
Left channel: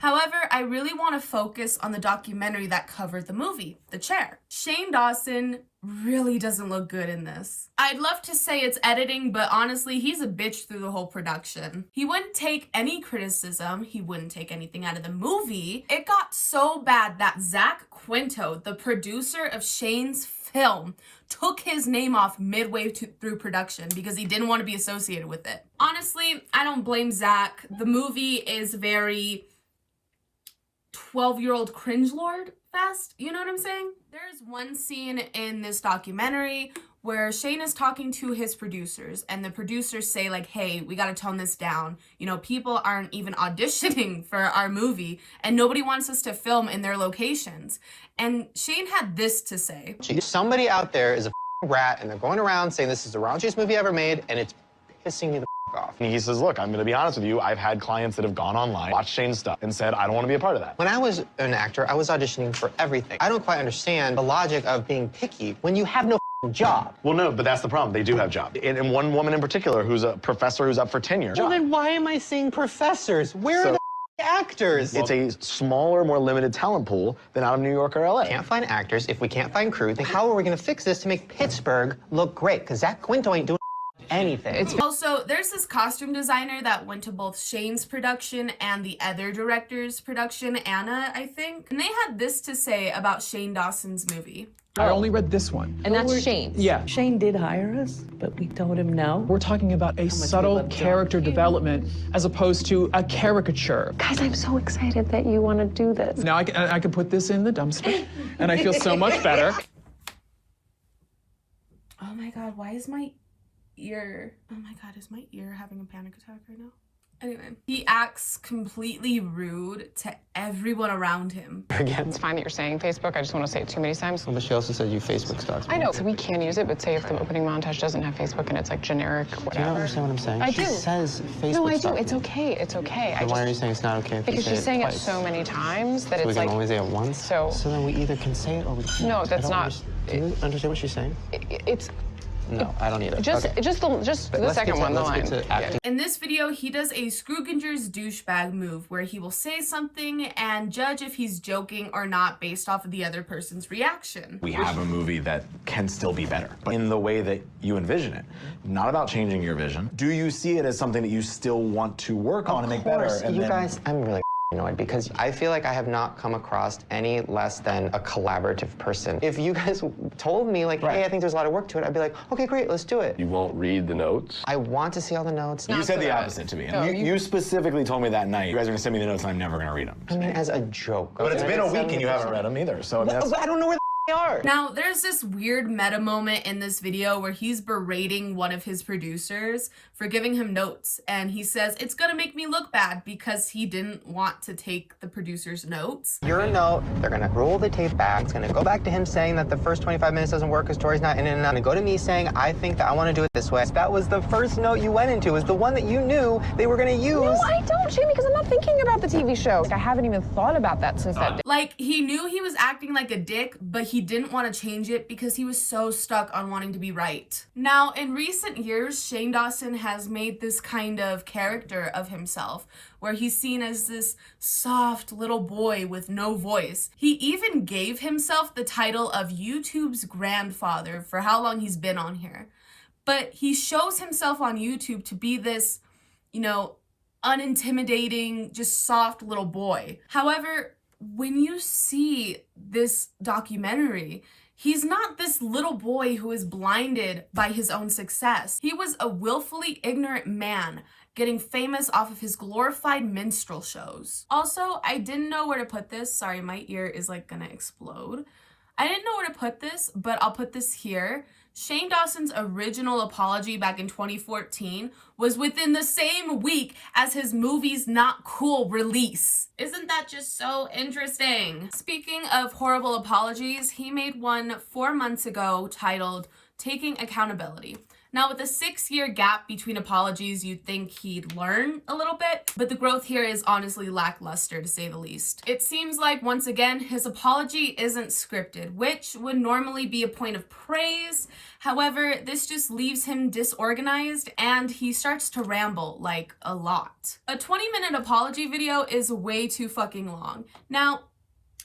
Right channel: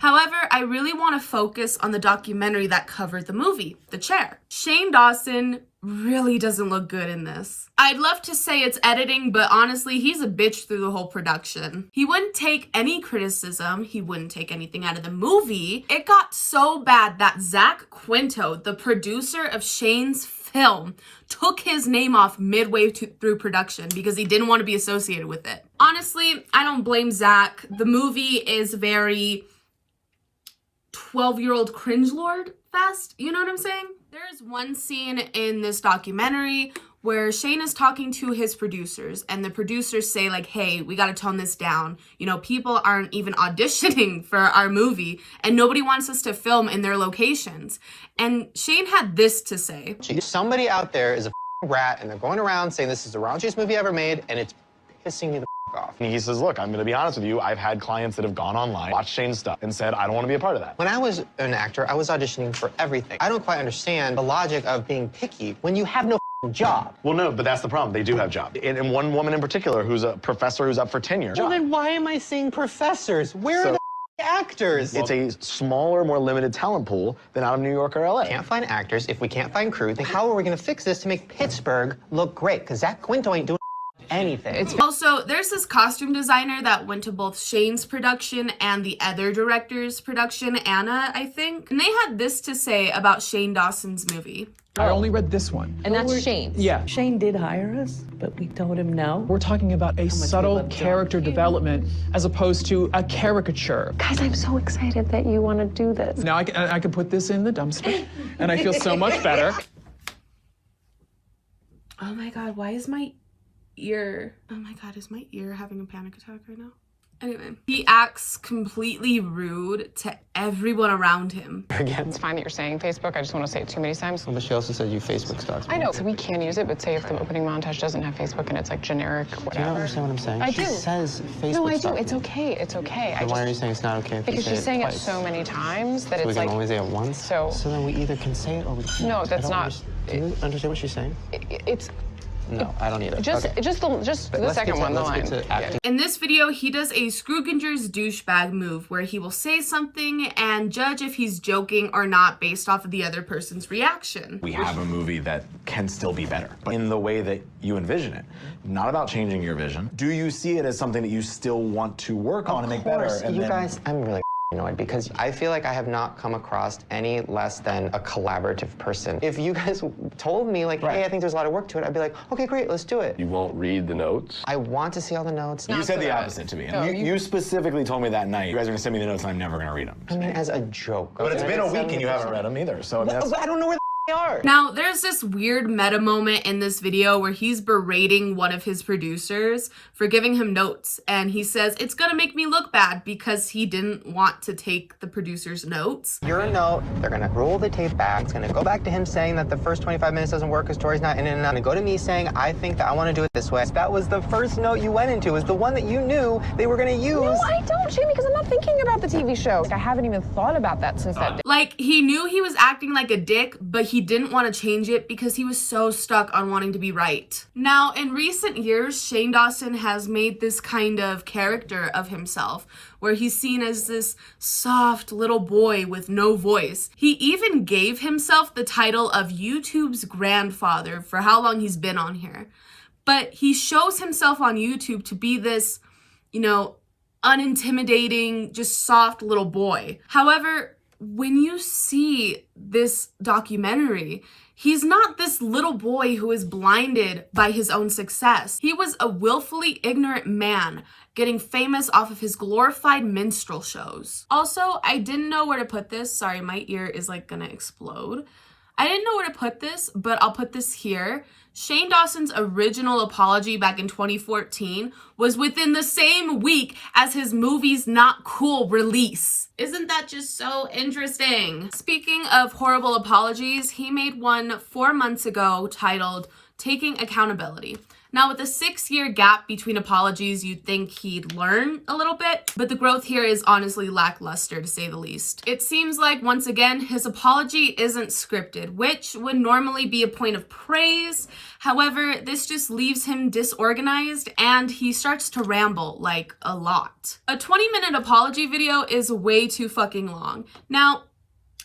However, I really want to focus on the documentary that covered the movie, The Chair. Shane Dawson really doesn't look good in this. I'd love to say it's editing, but honestly, he's a bitch through the whole production. He wouldn't take any criticism. He wouldn't take anything out of the movie. It got so bad that Zach Quinto, the producer of Shane's film, took his name off midway through production because he didn't want to be associated with it. Honestly, I don't blame Zach. The movie is very 12-year-old cringe-lord fest. You know what I'm saying? There's one scene in this documentary where Shane is talking to his producers, and the producers say like, hey, we got to tone this down. You know, people aren't even auditioning for our movie, and nobody wants us to film in their locations. And Shane had this to say. Somebody out there is a rat, and they're going around saying this is the raunchiest movie ever made, and it's pissing me the off. And he says, look, I'm going to be honest with you. I've had clients that have gone online, watched Shane's stuff, and said, I don't want to be a part of that. When I was an actor, I was auditioning for everything. I don't quite understand the logic of being picky when you have no job. Well, no, but that's the problem. They do have jobs. And one woman in particular who's a professor who's up for tenure. Well, then why am I seeing professors? Where are the actors? It's a smaller, more limited talent pool than out of New York or LA. Can't find actors. If we can't find crew, then how are we going to fix this to make Pittsburgh look great? Because Zach Quinto ain't doing anything. Also, there's this costume designer that went to both Shane's production and the other director's production, Anna, I think. And they had this to say about Shane Dawson's movie. I only read this one. And that's Shane. Yeah. Shane did hire us, but we told him no. We're talking about a subtle character development as opposed to a caricature. Guys, I'm so excited that you want to do this. Now I can put this in the dumpster, and I feel so much better. Oh my God, why is my ear... Oh my God, is my ear having a panic attack right now? Anyway, he acts completely rude to everyone around him. Again, it's fine that you're saying Facebook. I just want to say it too many times. Well, but she also said you Facebook stalked me. I know, so we can use it, but say if the opening montage doesn't have Facebook and it's like generic, whatever. Do you not understand what I'm saying? I she do. Says Facebook No, I do. stalked It's me. okay. It's okay. Then why are you saying it's not okay if because you say she's saying it twice? so many times that So it's we can like... only say it once? So then we either can say it or we can't. No, that's not... Do you understand what she's saying? It's... No, I don't either. Just the second one, the line. In this video, he does a Scrooginger's douchebag move where he will say something and judge if he's joking or not based off of the other person's reaction. We have a movie that can still be better, but in the way that you envision it. Not about changing your vision. Do you see it as something that you still want to work on and make better? You guys, I'm really annoyed because I feel like I have not come across any less than a collaborative person. If you guys told me, like, hey, I think there's a lot of work to it, I'd be like, okay, great, let's do it. You won't read the notes? I want to see all the notes. You said the opposite to me. You specifically told me that night, you guys are gonna send me the notes and I'm never gonna read them. I mean, as a joke. But it's been a week and you haven't read them either, so I don't know where they are. Now, there's this weird meta moment in this video where he's berating one of his producers for giving him notes, and he says it's gonna make me look bad because he didn't want to take the producer's notes. Your note, they're gonna roll the tape back. It's gonna go back to him saying that the first 25 minutes doesn't work because Tori's not in it, and gonna go to me saying, I think that I wanna do it this way. That was the first note you went into, is the one that you knew they were gonna use. No, I don't, Jamie, because I'm not thinking about the TV show. Like, I haven't even thought about that since that day. Like, he knew he was acting like a dick, but he didn't want to change it because he was so stuck on wanting to be right. Now, in recent years, Shane Dawson has made this kind of character of himself where he's seen as this soft little boy with no voice. He even gave himself the title of YouTube's grandfather for how long he's been on here. But he shows himself on YouTube to be this, you know, unintimidating, just soft little boy. However, when you see this documentary, he's not this little boy who is blinded by his own success. He was a willfully ignorant man getting famous off of his glorified minstrel shows. Also, I didn't know where to put this. Sorry, my ear is like gonna explode. I didn't know where to put this, but I'll put this here. Shane Dawson's original apology back in 2014 was within the same week as his movie's Not Cool release. Isn't that just so interesting? Speaking of horrible apologies, he made one 4 months ago titled Taking Accountability. Now, with a 6-year gap between apologies, you'd think he'd learn a little bit, but the growth here is honestly lackluster, to say the least. It seems like, once again, his apology isn't scripted, which would normally be a point of praise. However, this just leaves him disorganized, and he starts to ramble, like, a lot. A 20-minute apology video is way too fucking long. Now,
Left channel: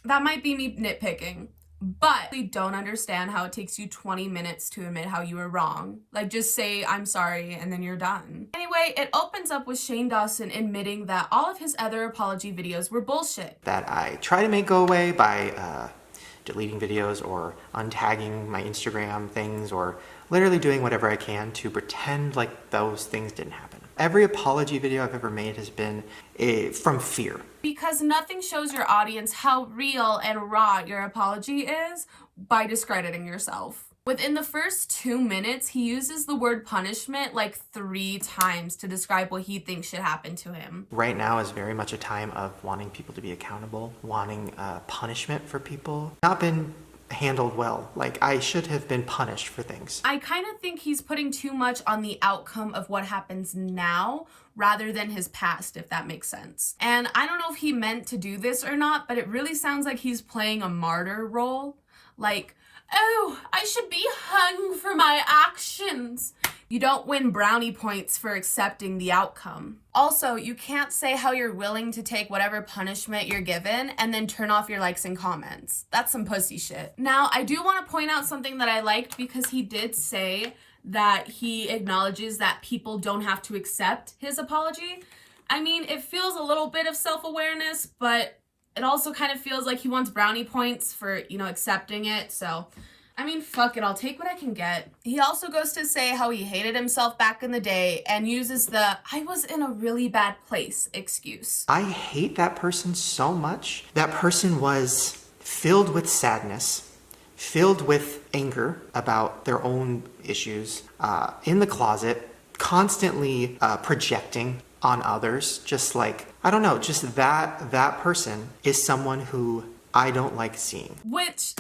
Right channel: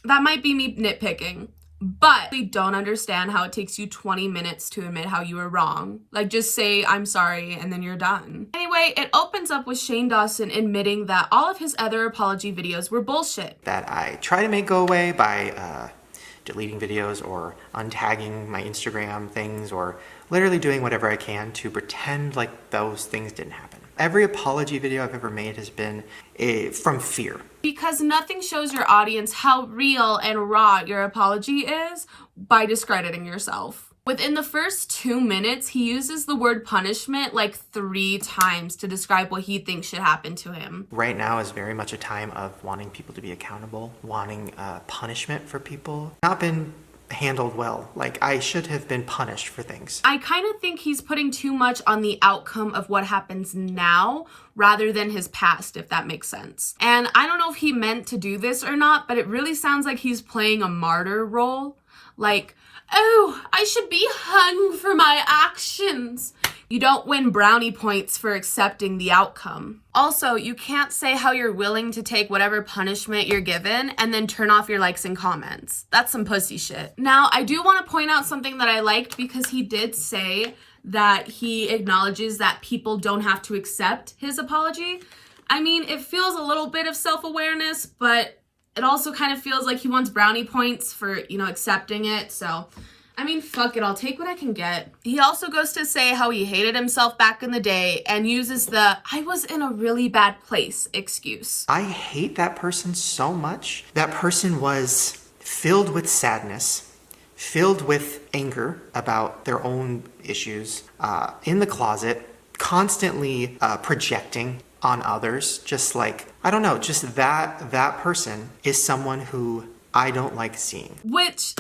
that might be me nitpicking, but we don't understand how it takes you 20 minutes to admit how you were wrong. Like, just say, I'm sorry, and then you're done. Anyway, it opens up with Shane Dawson admitting that all of his other apology videos were bullshit. That I try to make go away by deleting videos or untagging my Instagram things or literally doing whatever I can to pretend like those things didn't happen. Every apology video I've ever made has been from fear. Because nothing shows your audience how real and raw your apology is by discrediting yourself. Within the first 2 minutes, he uses the word punishment like 3 times to describe what he thinks should happen to him. Right now is very much a time of wanting people to be accountable, wanting punishment for people. Not been handled well. Like, I should have been punished for things. I kind of think he's putting too much on the outcome of what happens now rather than his past, if that makes sense. And I don't know if he meant to do this or not, but it really sounds like he's playing a martyr role. Like, oh, I should be hung for my actions. You don't win brownie points for accepting the outcome. Also, you can't say how you're willing to take whatever punishment you're given and then turn off your likes and comments. That's some pussy shit. Now, I do want to point out something that I liked because he did say that he acknowledges that people don't have to accept his apology. I mean, it feels a little bit of self-awareness, but it also kind of feels like he wants brownie points for, you know, accepting it. So, I mean, fuck it, I'll take what I can get. He also goes to say how he hated himself back in the day and uses the I was in a really bad place excuse. I hate that person so much. That person was filled with sadness, filled with anger about their own issues, in the closet, constantly projecting on others, just like, I don't know, just that person is someone who I don't like seeing. Which,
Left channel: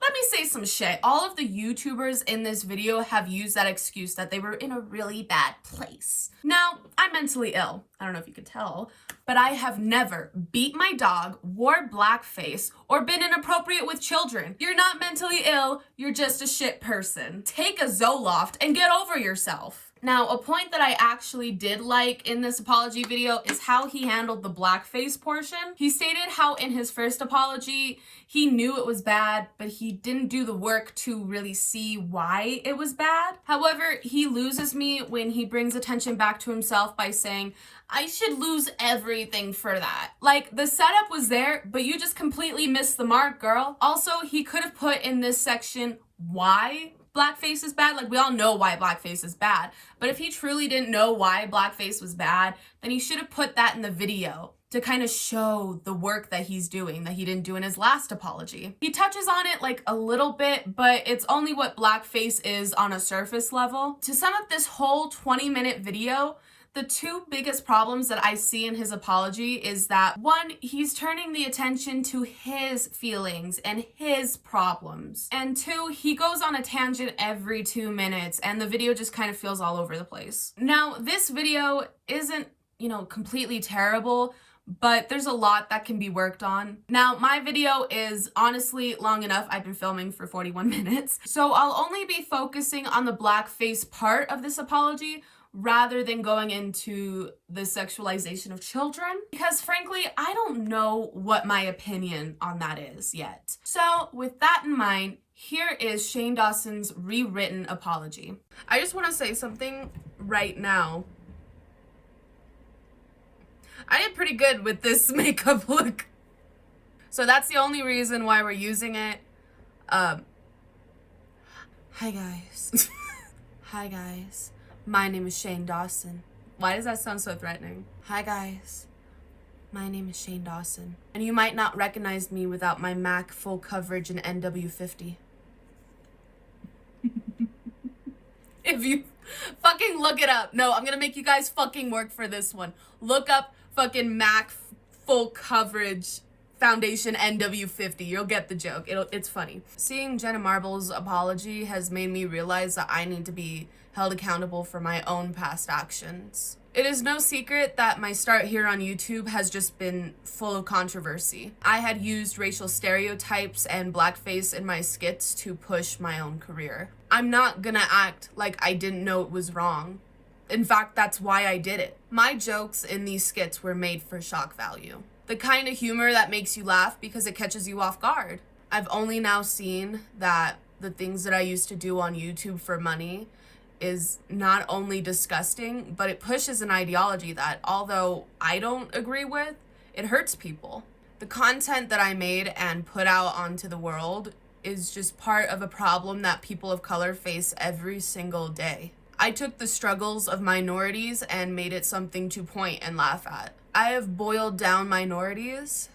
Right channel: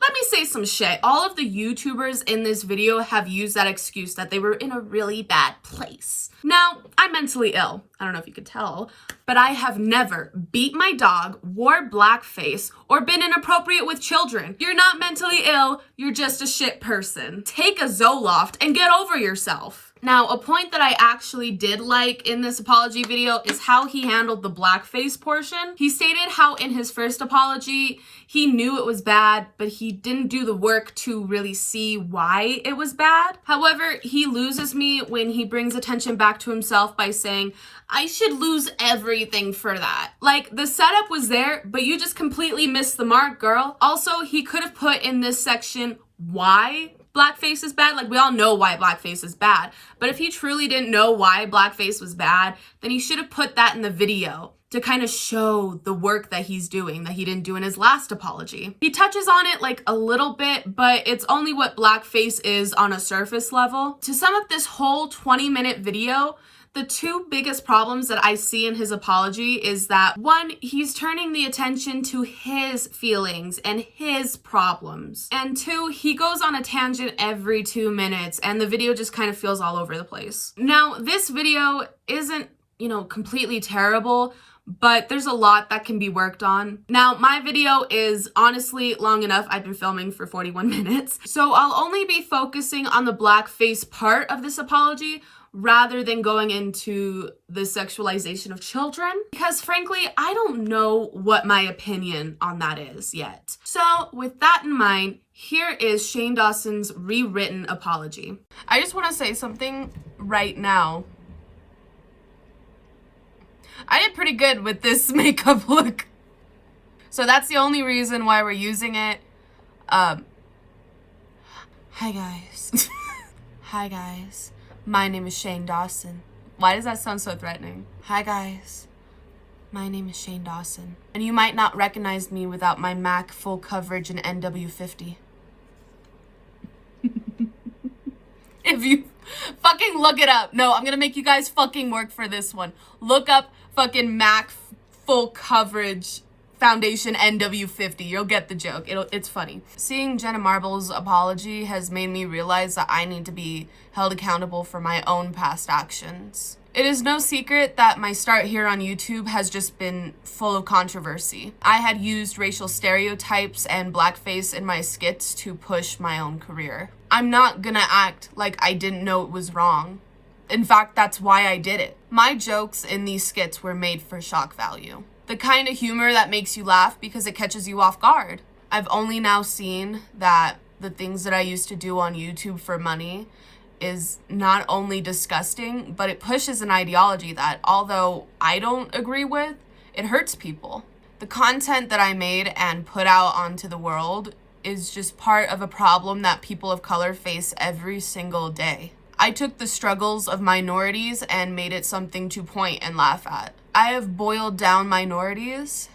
let me say some shit. All of the YouTubers in this video have used that excuse that they were in a really bad place. Now, I'm mentally ill. I don't know if you could tell, but I have never beat my dog, wore blackface, or been inappropriate with children. You're not mentally ill, you're just a shit person. Take a Zoloft and get over yourself. Now, a point that I actually did like in this apology video is how he handled the blackface portion. He stated how in his first apology, he knew it was bad, but he didn't do the work to really see why it was bad. However, he loses me when he brings attention back to himself by saying, I should lose everything for that. Like, the setup was there, but you just completely missed the mark, girl. Also, he could have put in this section why blackface is bad. Like, we all know why blackface is bad, but if he truly didn't know why blackface was bad, then he should have put that in the video to kind of show the work that he's doing that he didn't do in his last apology. He touches on it like a little bit, but it's only what blackface is on a surface level. To sum up this whole 20-minute video, the two biggest problems that I see in his apology is that, one, he's turning the attention to his feelings and his problems. And two, he goes on a tangent every 2 minutes and the video just kind of feels all over the place. Now, this video isn't, completely terrible, but there's a lot that can be worked on. Now, my video is honestly long enough. I've been filming for 41 minutes. So I'll only be focusing on the blackface part of this apology, rather than going into the sexualization of children, because frankly, I don't know what my opinion on that is yet. So with that in mind, here is Shane Dawson's rewritten apology. I just want to say something right now. I did pretty good with this makeup look. So that's the only reason why we're using it. Hi guys. Hi guys. My name is Shane Dawson. Why does that sound so threatening? Hi guys, my name is Shane Dawson. And you might not recognize me without my MAC full coverage in NW50. If you fucking look it up. No, I'm gonna make you guys fucking work for this one. Look up fucking MAC full coverage foundation NW50. You'll get the joke. It's funny. Seeing Jenna Marble's apology has made me realize that I need to be held accountable for my own past actions. It is no secret that my start here on YouTube has just been full of controversy. I had used racial stereotypes and blackface in my skits to push my own career. I'm not gonna act like I didn't know it was wrong. In fact, that's why I did it. My jokes in these skits were made for shock value. The kind of humor that makes you laugh because it catches you off guard. I've only now seen that the things that I used to do on YouTube for money is not only disgusting, but it pushes an ideology that, although I don't agree with, it hurts people. The content that I made and put out onto the world is just part of a problem that people of color face every single day. I took the struggles of minorities and made it something to point and laugh at. I have boiled down minorities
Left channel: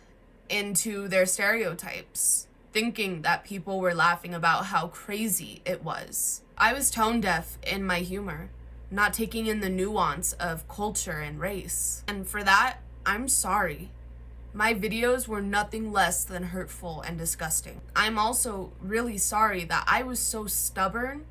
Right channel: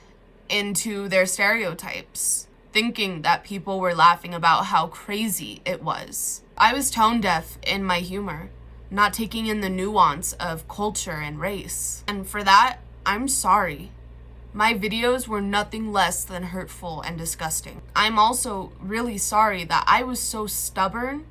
into their stereotypes, thinking that people were laughing about how crazy it was. I was tone deaf in my humor, not taking in the nuance of culture and race. And for that, I'm sorry. My videos were nothing less than hurtful and disgusting. I'm also really sorry that I was so stubborn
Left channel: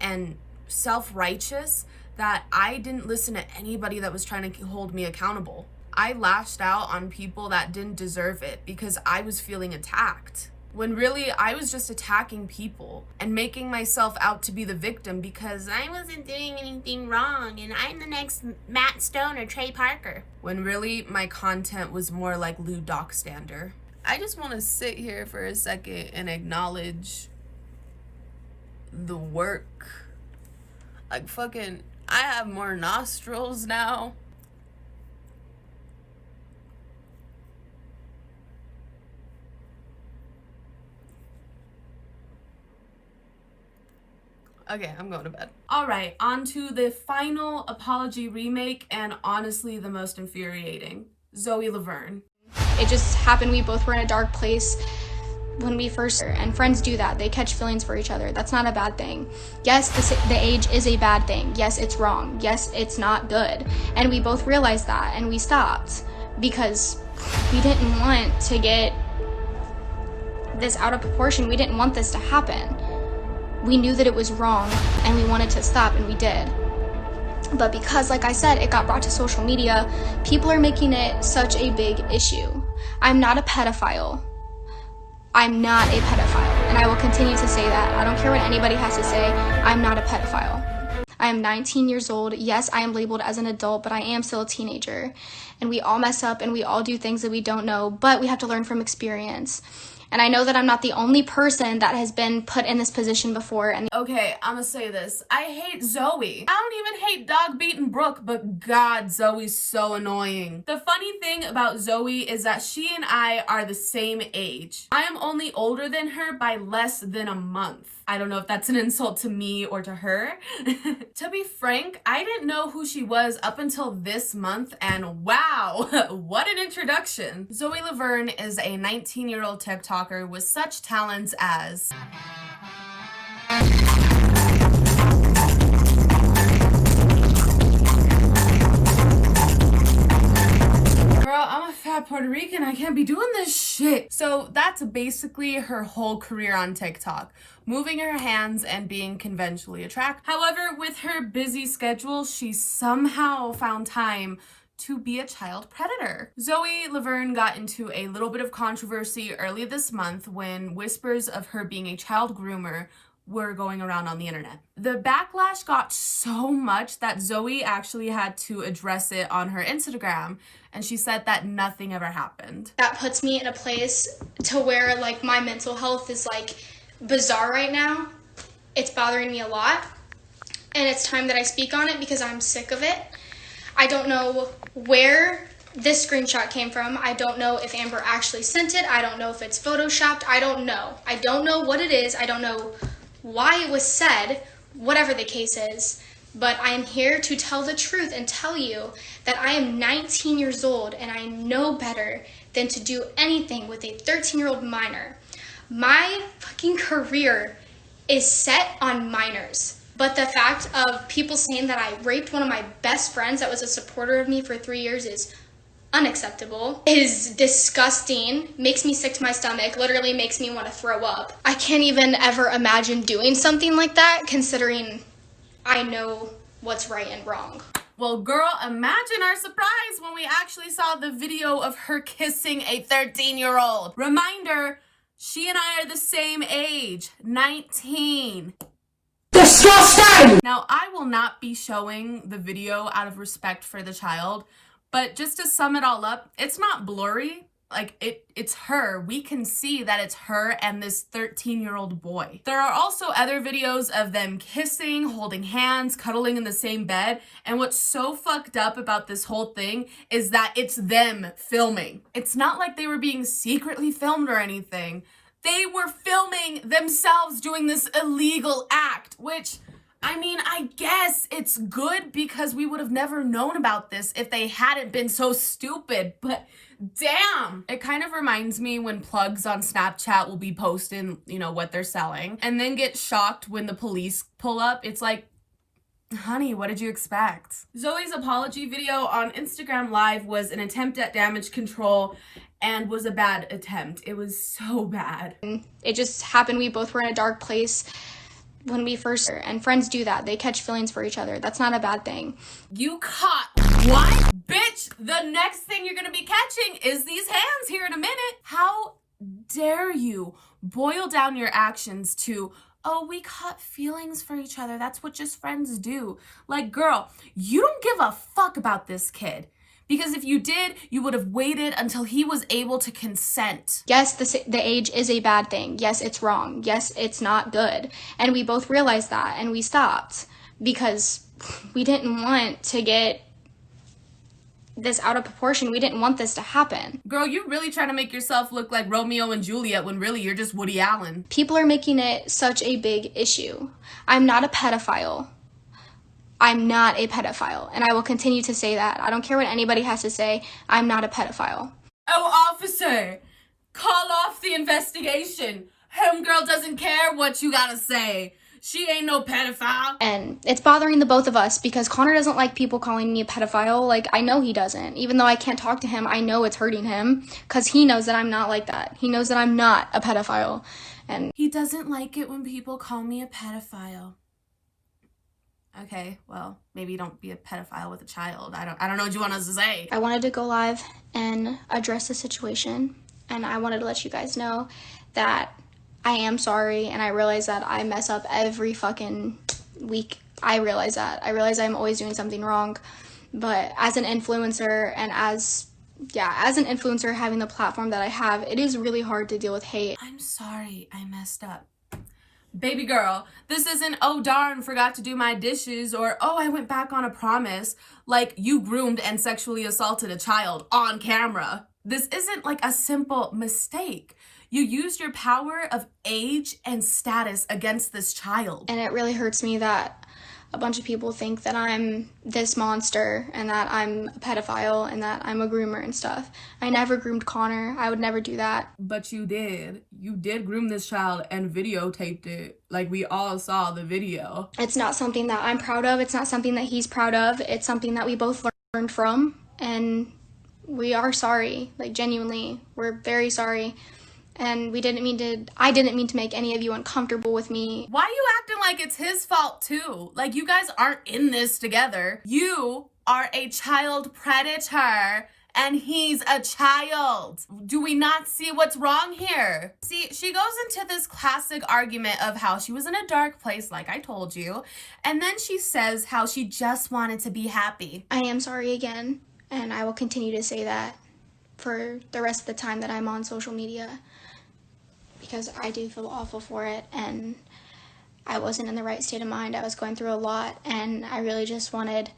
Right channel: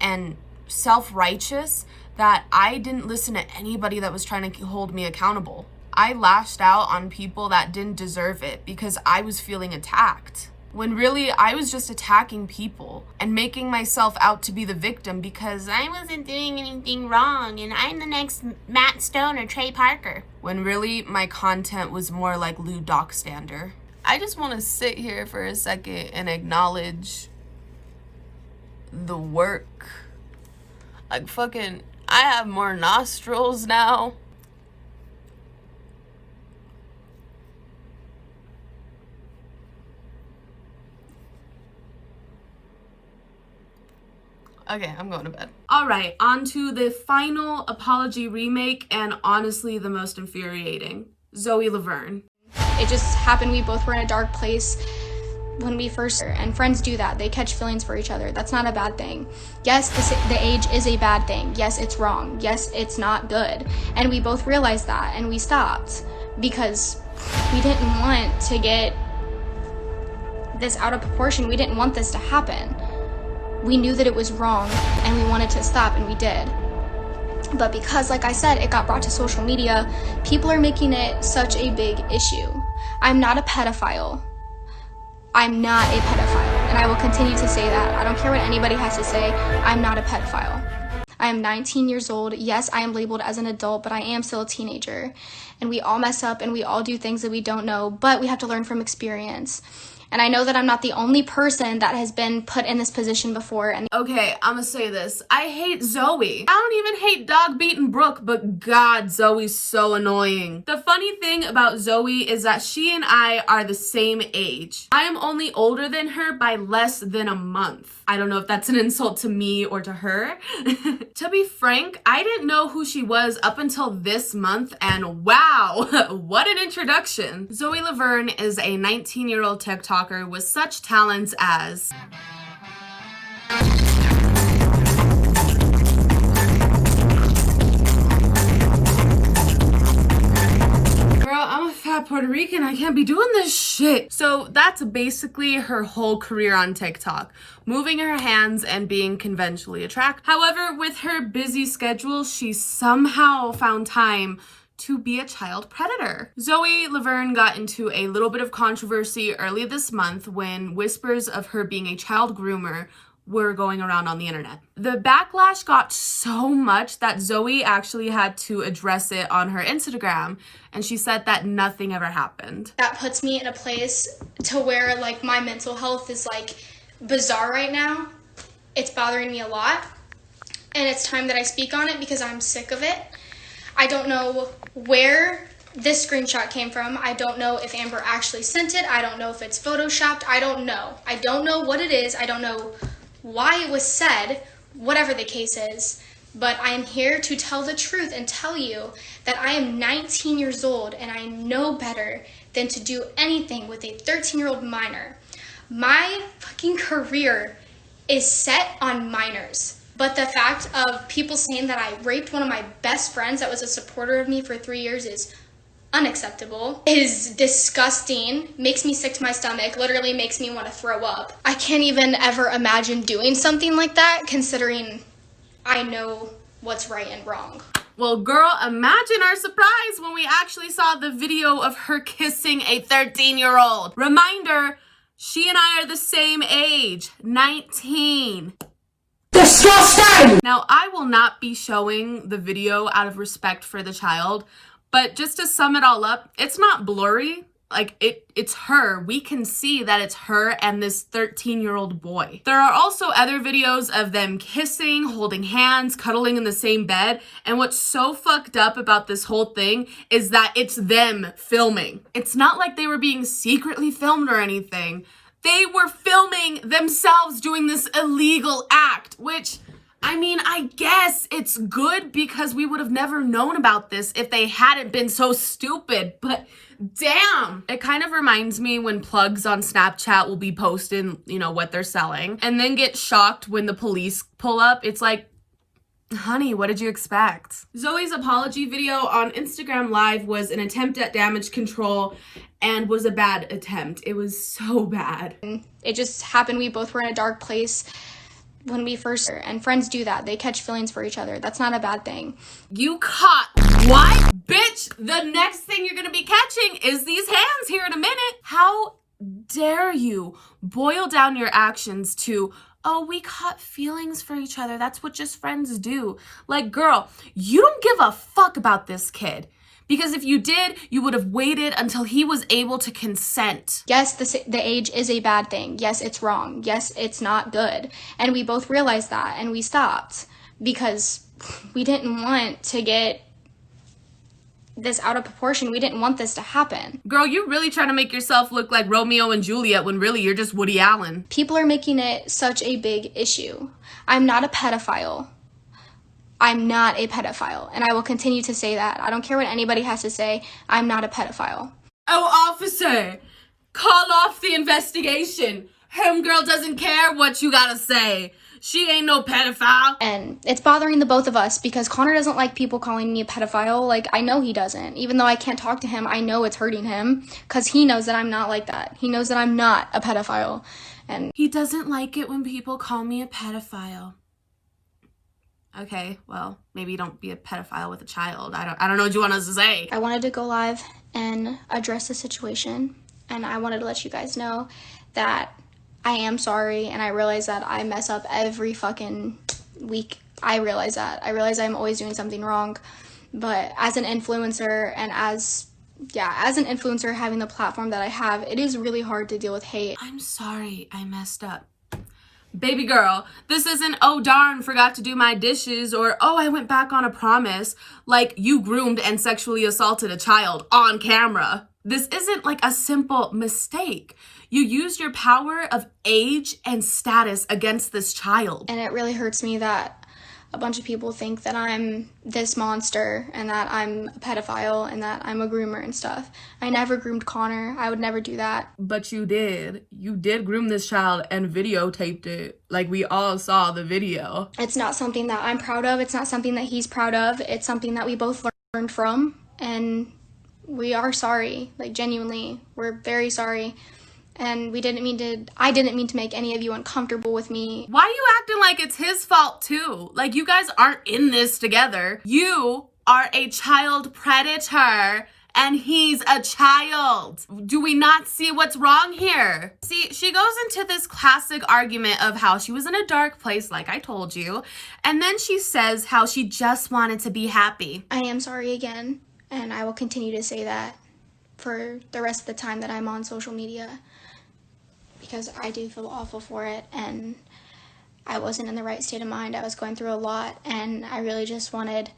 and self-righteous that I didn't listen to anybody that was trying to hold me accountable. I lashed out on people that didn't deserve it because I was feeling attacked, when really I was just attacking people and making myself out to be the victim because I wasn't doing anything wrong and I'm the next Matt Stone or Trey Parker, when really my content was more like Lou Dockstander. I just want to sit here for a second and acknowledge the work. Like fucking, I have more nostrils now. Okay, I'm going to bed. All right, on to the final apology remake, and honestly the most infuriating. Zoe Laverne. It just happened. We both were in a dark place when we first, and friends do that. They catch feelings for each other. That's not a bad thing. Yes, the age is a bad thing. Yes, it's wrong. Yes, it's not good. And we both realized that, and we stopped because we didn't want to get this out of proportion. We didn't want this to happen. We knew that it was wrong and we wanted to stop, and we did. But because, like I said, it got brought to social media, people are making it such a big issue. I'm not a pedophile. I'm not a pedophile, and I will continue to say that. I don't care what anybody has to say. I'm not a pedophile. I am 19 years old. Yes, I am labeled as an adult, but I am still a teenager. And we all mess up and we all do things that we don't know, but we have to learn from experience. And I know that I'm not the only person that has been put in this position before. And okay, I'm gonna say this. I hate Zoe. I don't even hate dog beating Brooke, but God, Zoe's so annoying. The funny thing about Zoe is that she and I are the same age. I am only older than her by less than a month. I don't know if that's an insult to me or to her. To be frank, I didn't know who she was up until this month, and wow, what an introduction. Zoe Laverne is a 19-year-old TikToker with such talents as I'm a fat Puerto Rican, I can't be doing this shit. So that's basically her whole career on TikTok, moving her hands and being conventionally attractive. However, with her busy schedule, she somehow found time to be a child predator. Zoe Laverne got into a little bit of controversy early this month when whispers of her being a child groomer were going around on the internet. The backlash got so much that Zoe actually had to address it on her Instagram, and she said that nothing ever happened. that puts me in a place to where like my mental health is like bizarre right now. It's bothering me a lot, and it's time that I speak on it because I'm sick of it. I don't know where this screenshot came from. I don't know if Amber actually sent it. I don't know if it's photoshopped. I don't know. I don't know what it is. I don't know why it was said, whatever the case is. But I am here to tell the truth and tell you that I am 19 years old and I know better than to do anything with a 13-year-old minor. My fucking career is set on minors. But the fact of people saying that I raped one of my best friends that was a supporter of me for 3 years is unacceptable, is disgusting, makes me sick to my stomach, literally makes me want to throw up. I can't even ever imagine doing something like that, considering I know what's right and wrong. Well, girl, imagine our surprise when we actually saw the video of her kissing a 13-year-old. Reminder, she and I are the same age, 19. Disgusting! Now, I will not be showing the video out of respect for the child, but just to sum it all up, it's not blurry. Like, it's her. We can see that it's her and this 13-year-old boy. There are also other videos of them kissing, holding hands, cuddling in the same bed. And what's so fucked up about this whole thing is that it's them filming. It's not like they were being secretly filmed or anything. They were filming themselves doing this illegal act, which, I mean, I guess it's good because we would have never known about this if they hadn't been so stupid, but damn. It kind of reminds me when plugs on Snapchat will be posting, you know, what they're selling and then get shocked when the police pull up. It's like, honey, what did you expect? Zoe's apology video on Instagram Live was an attempt at damage control and was a bad attempt. It was so bad. It just happened. We both were in a dark place when we first, and friends do that. They catch feelings for each other. That's not a bad thing. You caught what? Bitch, the next thing you're gonna be catching is these hands here in a minute. How dare you boil down your actions to, oh, we caught feelings for each other. That's what just friends do. Like, girl, you don't give a fuck about this kid. Because if you did, you would have waited until he was able to consent. Yes, the age is a bad thing. Yes, it's wrong. Yes, it's not good. And we both realized that and we stopped because we didn't want to get this out of proportion. We didn't want this to happen. Girl, you're really trying to make yourself look like Romeo and Juliet when really you're just Woody Allen. People are making it such a big issue. I'm not a pedophile. I'm not a pedophile, and I will continue to say that. I don't care what anybody has to say. I'm not a pedophile. Oh, officer, call off the investigation. Homegirl doesn't care what you gotta say. She ain't no pedophile. And it's bothering the both of us because Connor doesn't like people calling me a pedophile. Like, I know he doesn't. Even though I can't talk to him, I know it's hurting him because he knows that I'm not like that. He knows that I'm not a pedophile. And he doesn't like it when people call me a pedophile. Okay, well, maybe don't be a pedophile with a child. I don't know what you want us to say. I wanted to go live and address the situation, and I wanted to let you guys know that I am sorry, and I realize that I mess up every fucking week I realize that. I realize I'm always doing something wrong. But as an influencer and as an influencer having the platform that I have, it is really hard to deal with hate. I'm sorry I messed up. Baby girl, this isn't, oh darn, forgot to do my dishes, or oh, I went back on a promise. Like, you groomed and sexually assaulted a child on camera. This isn't like a simple mistake. You used your power of age and status against this child. And it really hurts me that a bunch of people think that I'm this monster and that I'm a pedophile and that I'm a groomer and stuff. I never groomed Connor. I would never do that. But you did. You did groom this child and videotaped it. Like, we all saw the video. It's not something that I'm proud of. It's not something that he's proud of. It's something that we both learned from, and we are sorry. Like, genuinely, we're very sorry. And I didn't mean to make any of you uncomfortable with me. Why are you acting like it's his fault too? Like, you guys aren't in this together. You are a child predator and he's a child. Do we not see what's wrong here? See, she goes into this classic argument of how she was in a dark place, like I told you, and then she says how she just wanted to be happy. I am sorry again, and I will continue to say that for the rest of the time that I'm on social media, because I do feel awful for it, and I wasn't in the right state of mind. I was going through a lot, and I really just wanted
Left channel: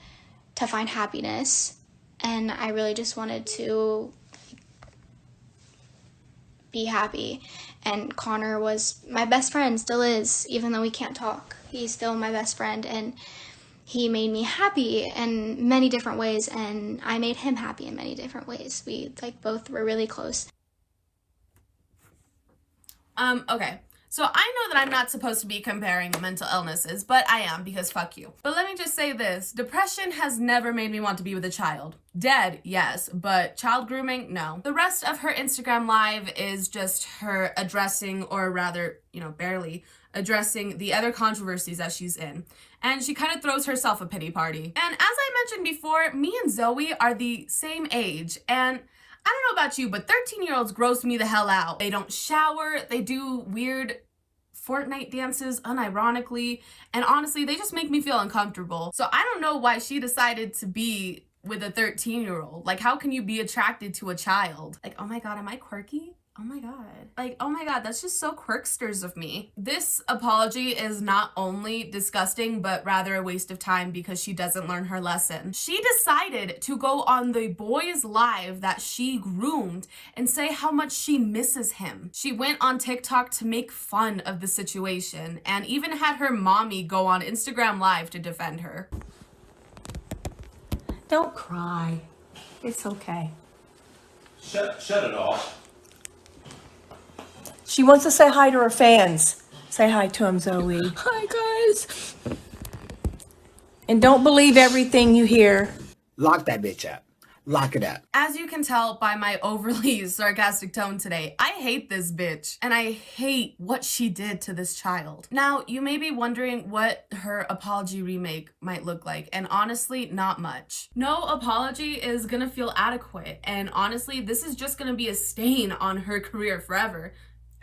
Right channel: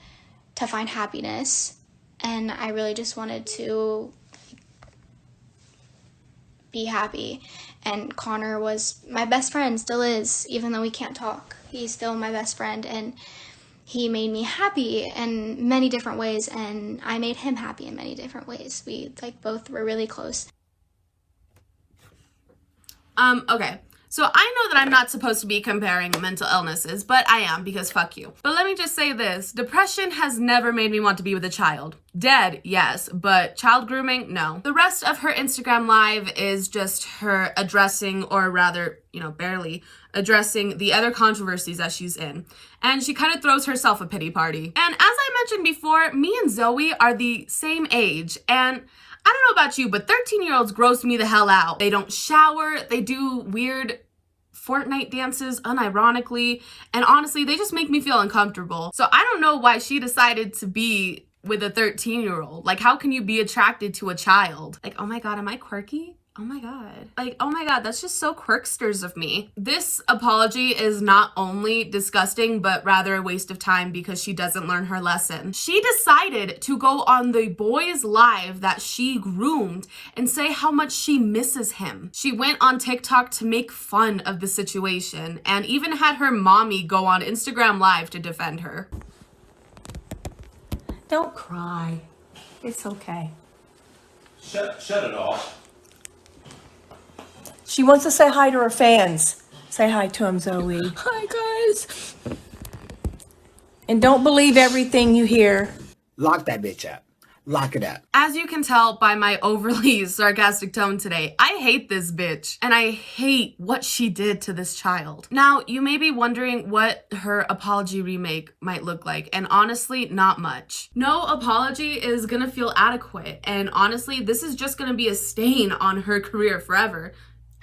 to find happiness, and I really just wanted to be happy. And Connor was my best friend, still is, even though we can't talk. He's still my best friend, and he made me happy in many different ways, and I made him happy in many different ways. We both were really close. Okay. So I know that I'm not supposed to be comparing mental illnesses, but I am, because fuck you. But let me just say this. Depression has never made me want to be with a child. Dead, yes, but child grooming, no. The rest of her Instagram live is just her addressing, or rather, barely addressing the other controversies that she's in. And she kind of throws herself a pity party. And as I mentioned before, me and Zoe are the same age, and I don't know about you, but 13-year-olds gross me the hell out. They don't shower, they do weird Fortnite dances unironically, and honestly, they just make me feel uncomfortable. So I don't know why she decided to be with a 13-year-old. Like, how can you be attracted to a child? Like, oh my god, am I quirky? Oh my god. Like, oh my god, that's just so quirksters of me. This apology is not only disgusting, but rather a waste of time because she doesn't learn her lesson. She decided to go on the boy's live that she groomed and say how much she misses him. She went on TikTok to make fun of the situation and even had her mommy go on Instagram Live to defend her. Don't cry. It's okay. Shut it off. She wants to say hi to her fans. Say hi to them, Zoe. Hi, guys. And don't believe everything you hear. Lock that bitch up. Lock it up. As you can tell by my overly sarcastic tone today, I hate this bitch and I hate what she did to this child. Now, you may be wondering what her apology remake might look like, and honestly, not much. No apology is gonna feel adequate, and honestly, this is just gonna be a stain on her career forever.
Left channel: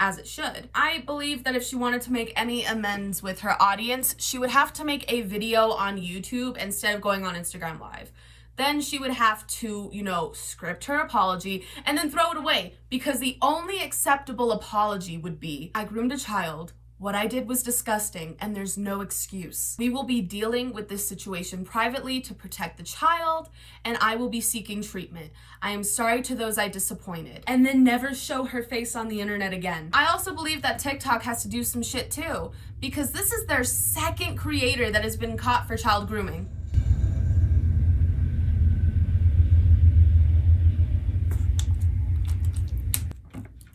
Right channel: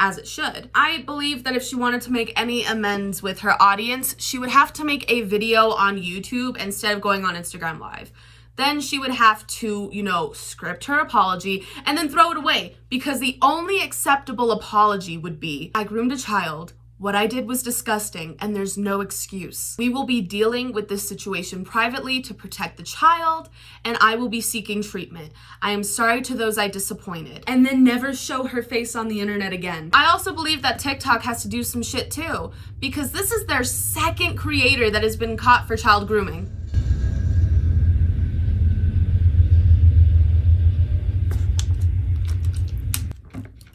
As it should. I believe that if she wanted to make any amends with her audience, she would have to make a video on YouTube instead of going on Instagram Live. Then she would have to, script her apology and then throw it away, because the only acceptable apology would be, I groomed a child, what I did was disgusting, and there's no excuse. We will be dealing with this situation privately to protect the child, and I will be seeking treatment. I am sorry to those I disappointed. And then never show her face on the internet again. I also believe that TikTok has to do some shit too, because this is their second creator that has been caught for child grooming.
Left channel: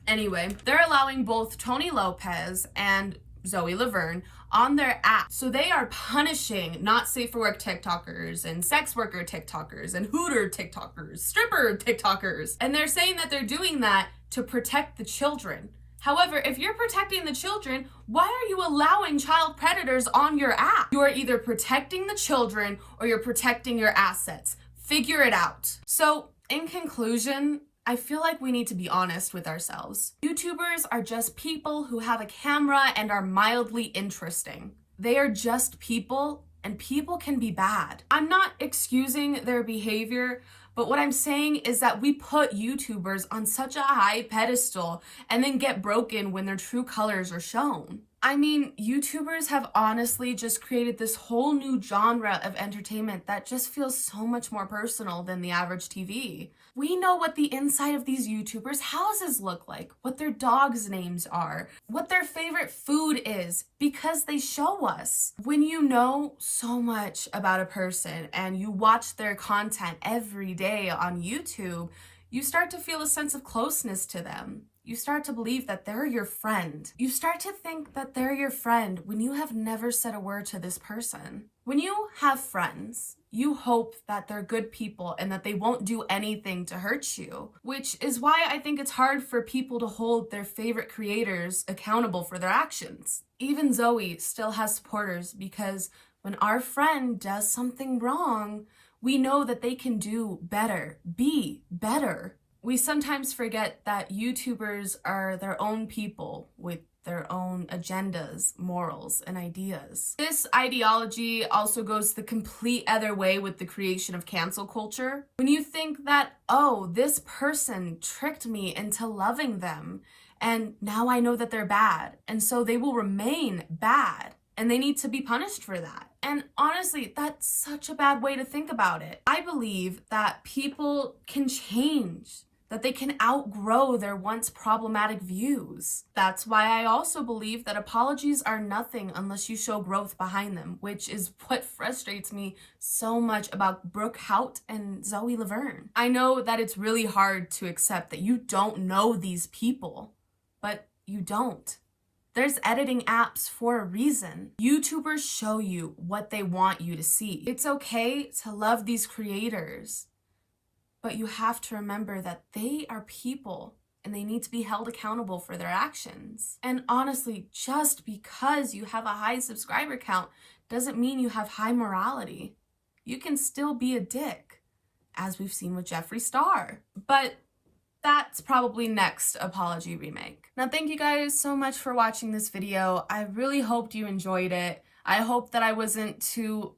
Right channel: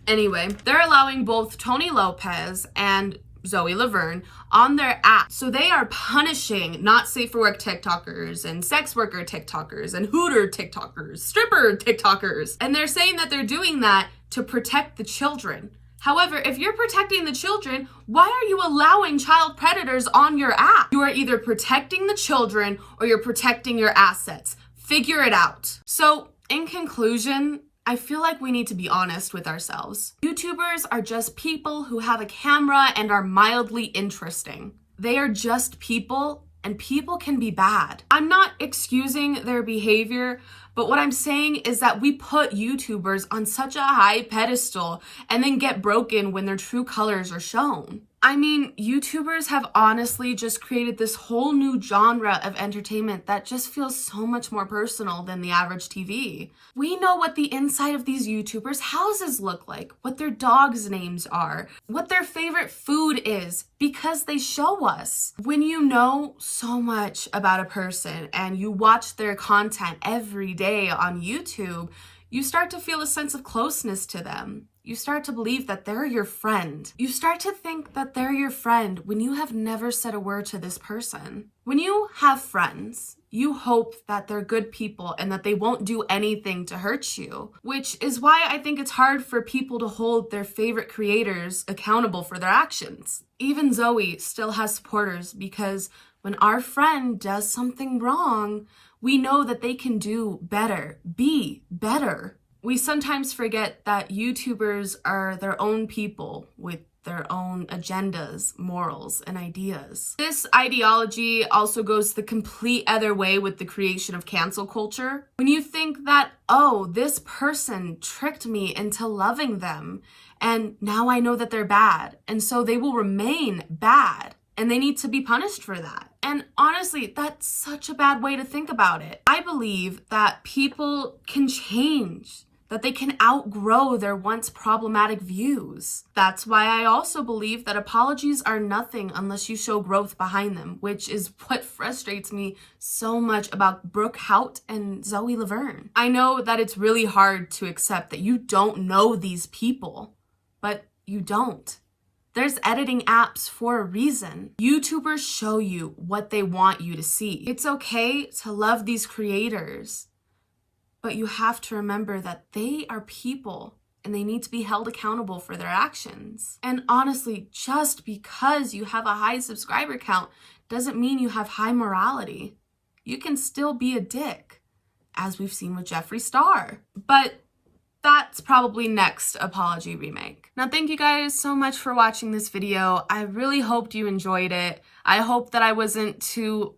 Anyway, they're allowing both Tony Lopez and Zoe Laverne on their app. So they are punishing not safe for work TikTokers and sex worker TikTokers and hooter TikTokers, stripper TikTokers. And they're saying that they're doing that to protect the children. However, if you're protecting the children, why are you allowing child predators on your app? You are either protecting the children or you're protecting your assets. Figure it out. So in conclusion, I feel like we need to be honest with ourselves. YouTubers are just people who have a camera and are mildly interesting. They are just people, and people can be bad. I'm not excusing their behavior, but what I'm saying is that we put YouTubers on such a high pedestal and then get broken when their true colors are shown. I mean, YouTubers have honestly just created this whole new genre of entertainment that just feels so much more personal than the average TV. We know what the inside of these YouTubers' houses look like, what their dogs' names are, what their favorite food is, because they show us. When you know so much about a person and you watch their content every day on YouTube, you start to feel a sense of closeness to them. You start to believe that they're your friend. You start to think that they're your friend when you have never said a word to this person. When you have friends, you hope that they're good people and that they won't do anything to hurt you, which is why I think it's hard for people to hold their favorite creators accountable for their actions. Even Zoe still has supporters because when our friend does something wrong, we know that they can do better, be better. We sometimes forget that YouTubers are their own people with their own agendas, morals, and ideas. This ideology also goes the complete other way with the creation of cancel culture. When you think that, oh, this person tricked me into loving them, and now I know that they're bad, and so they will remain bad, and they need to be punished for that. And honestly, that's such a bad way to think about it. I believe that people can change, that they can outgrow their once problematic views. That's why I also believe that apologies are nothing unless you show growth behind them, which is what frustrates me so much about Brooke Houts and Zoe Laverne. I know that it's really hard to accept that you don't know these people, but you don't. There's editing apps for a reason. YouTubers show you what they want you to see. It's okay to love these creators, but you have to remember that they are people and they need to be held accountable for their actions. And honestly, just because you have a high subscriber count doesn't mean you have high morality. You can still be a dick, as we've seen with Jeffree Star. But that's probably next apology remake. Now, thank you guys so much for watching this video. I really hoped you enjoyed it. I hope that I wasn't too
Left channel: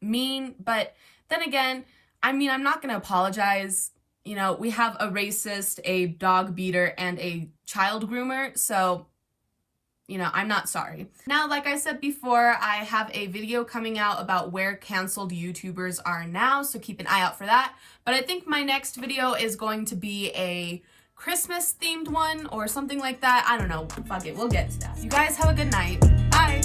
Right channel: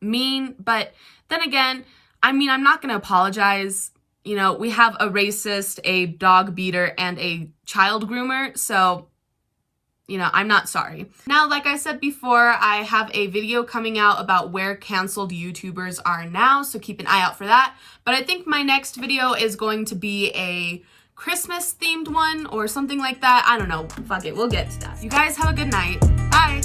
mean, but then again, I mean, I'm not gonna apologize. You know, we have a racist, a dog beater, and a child groomer, so, you know, I'm not sorry. Now, like I said before, I have a video coming out about where canceled YouTubers are now, so keep an eye out for that. But I think my next video is going to be a Christmas themed one or something like that. I don't know. Fuck it, we'll get to that. You guys have a good night. Bye.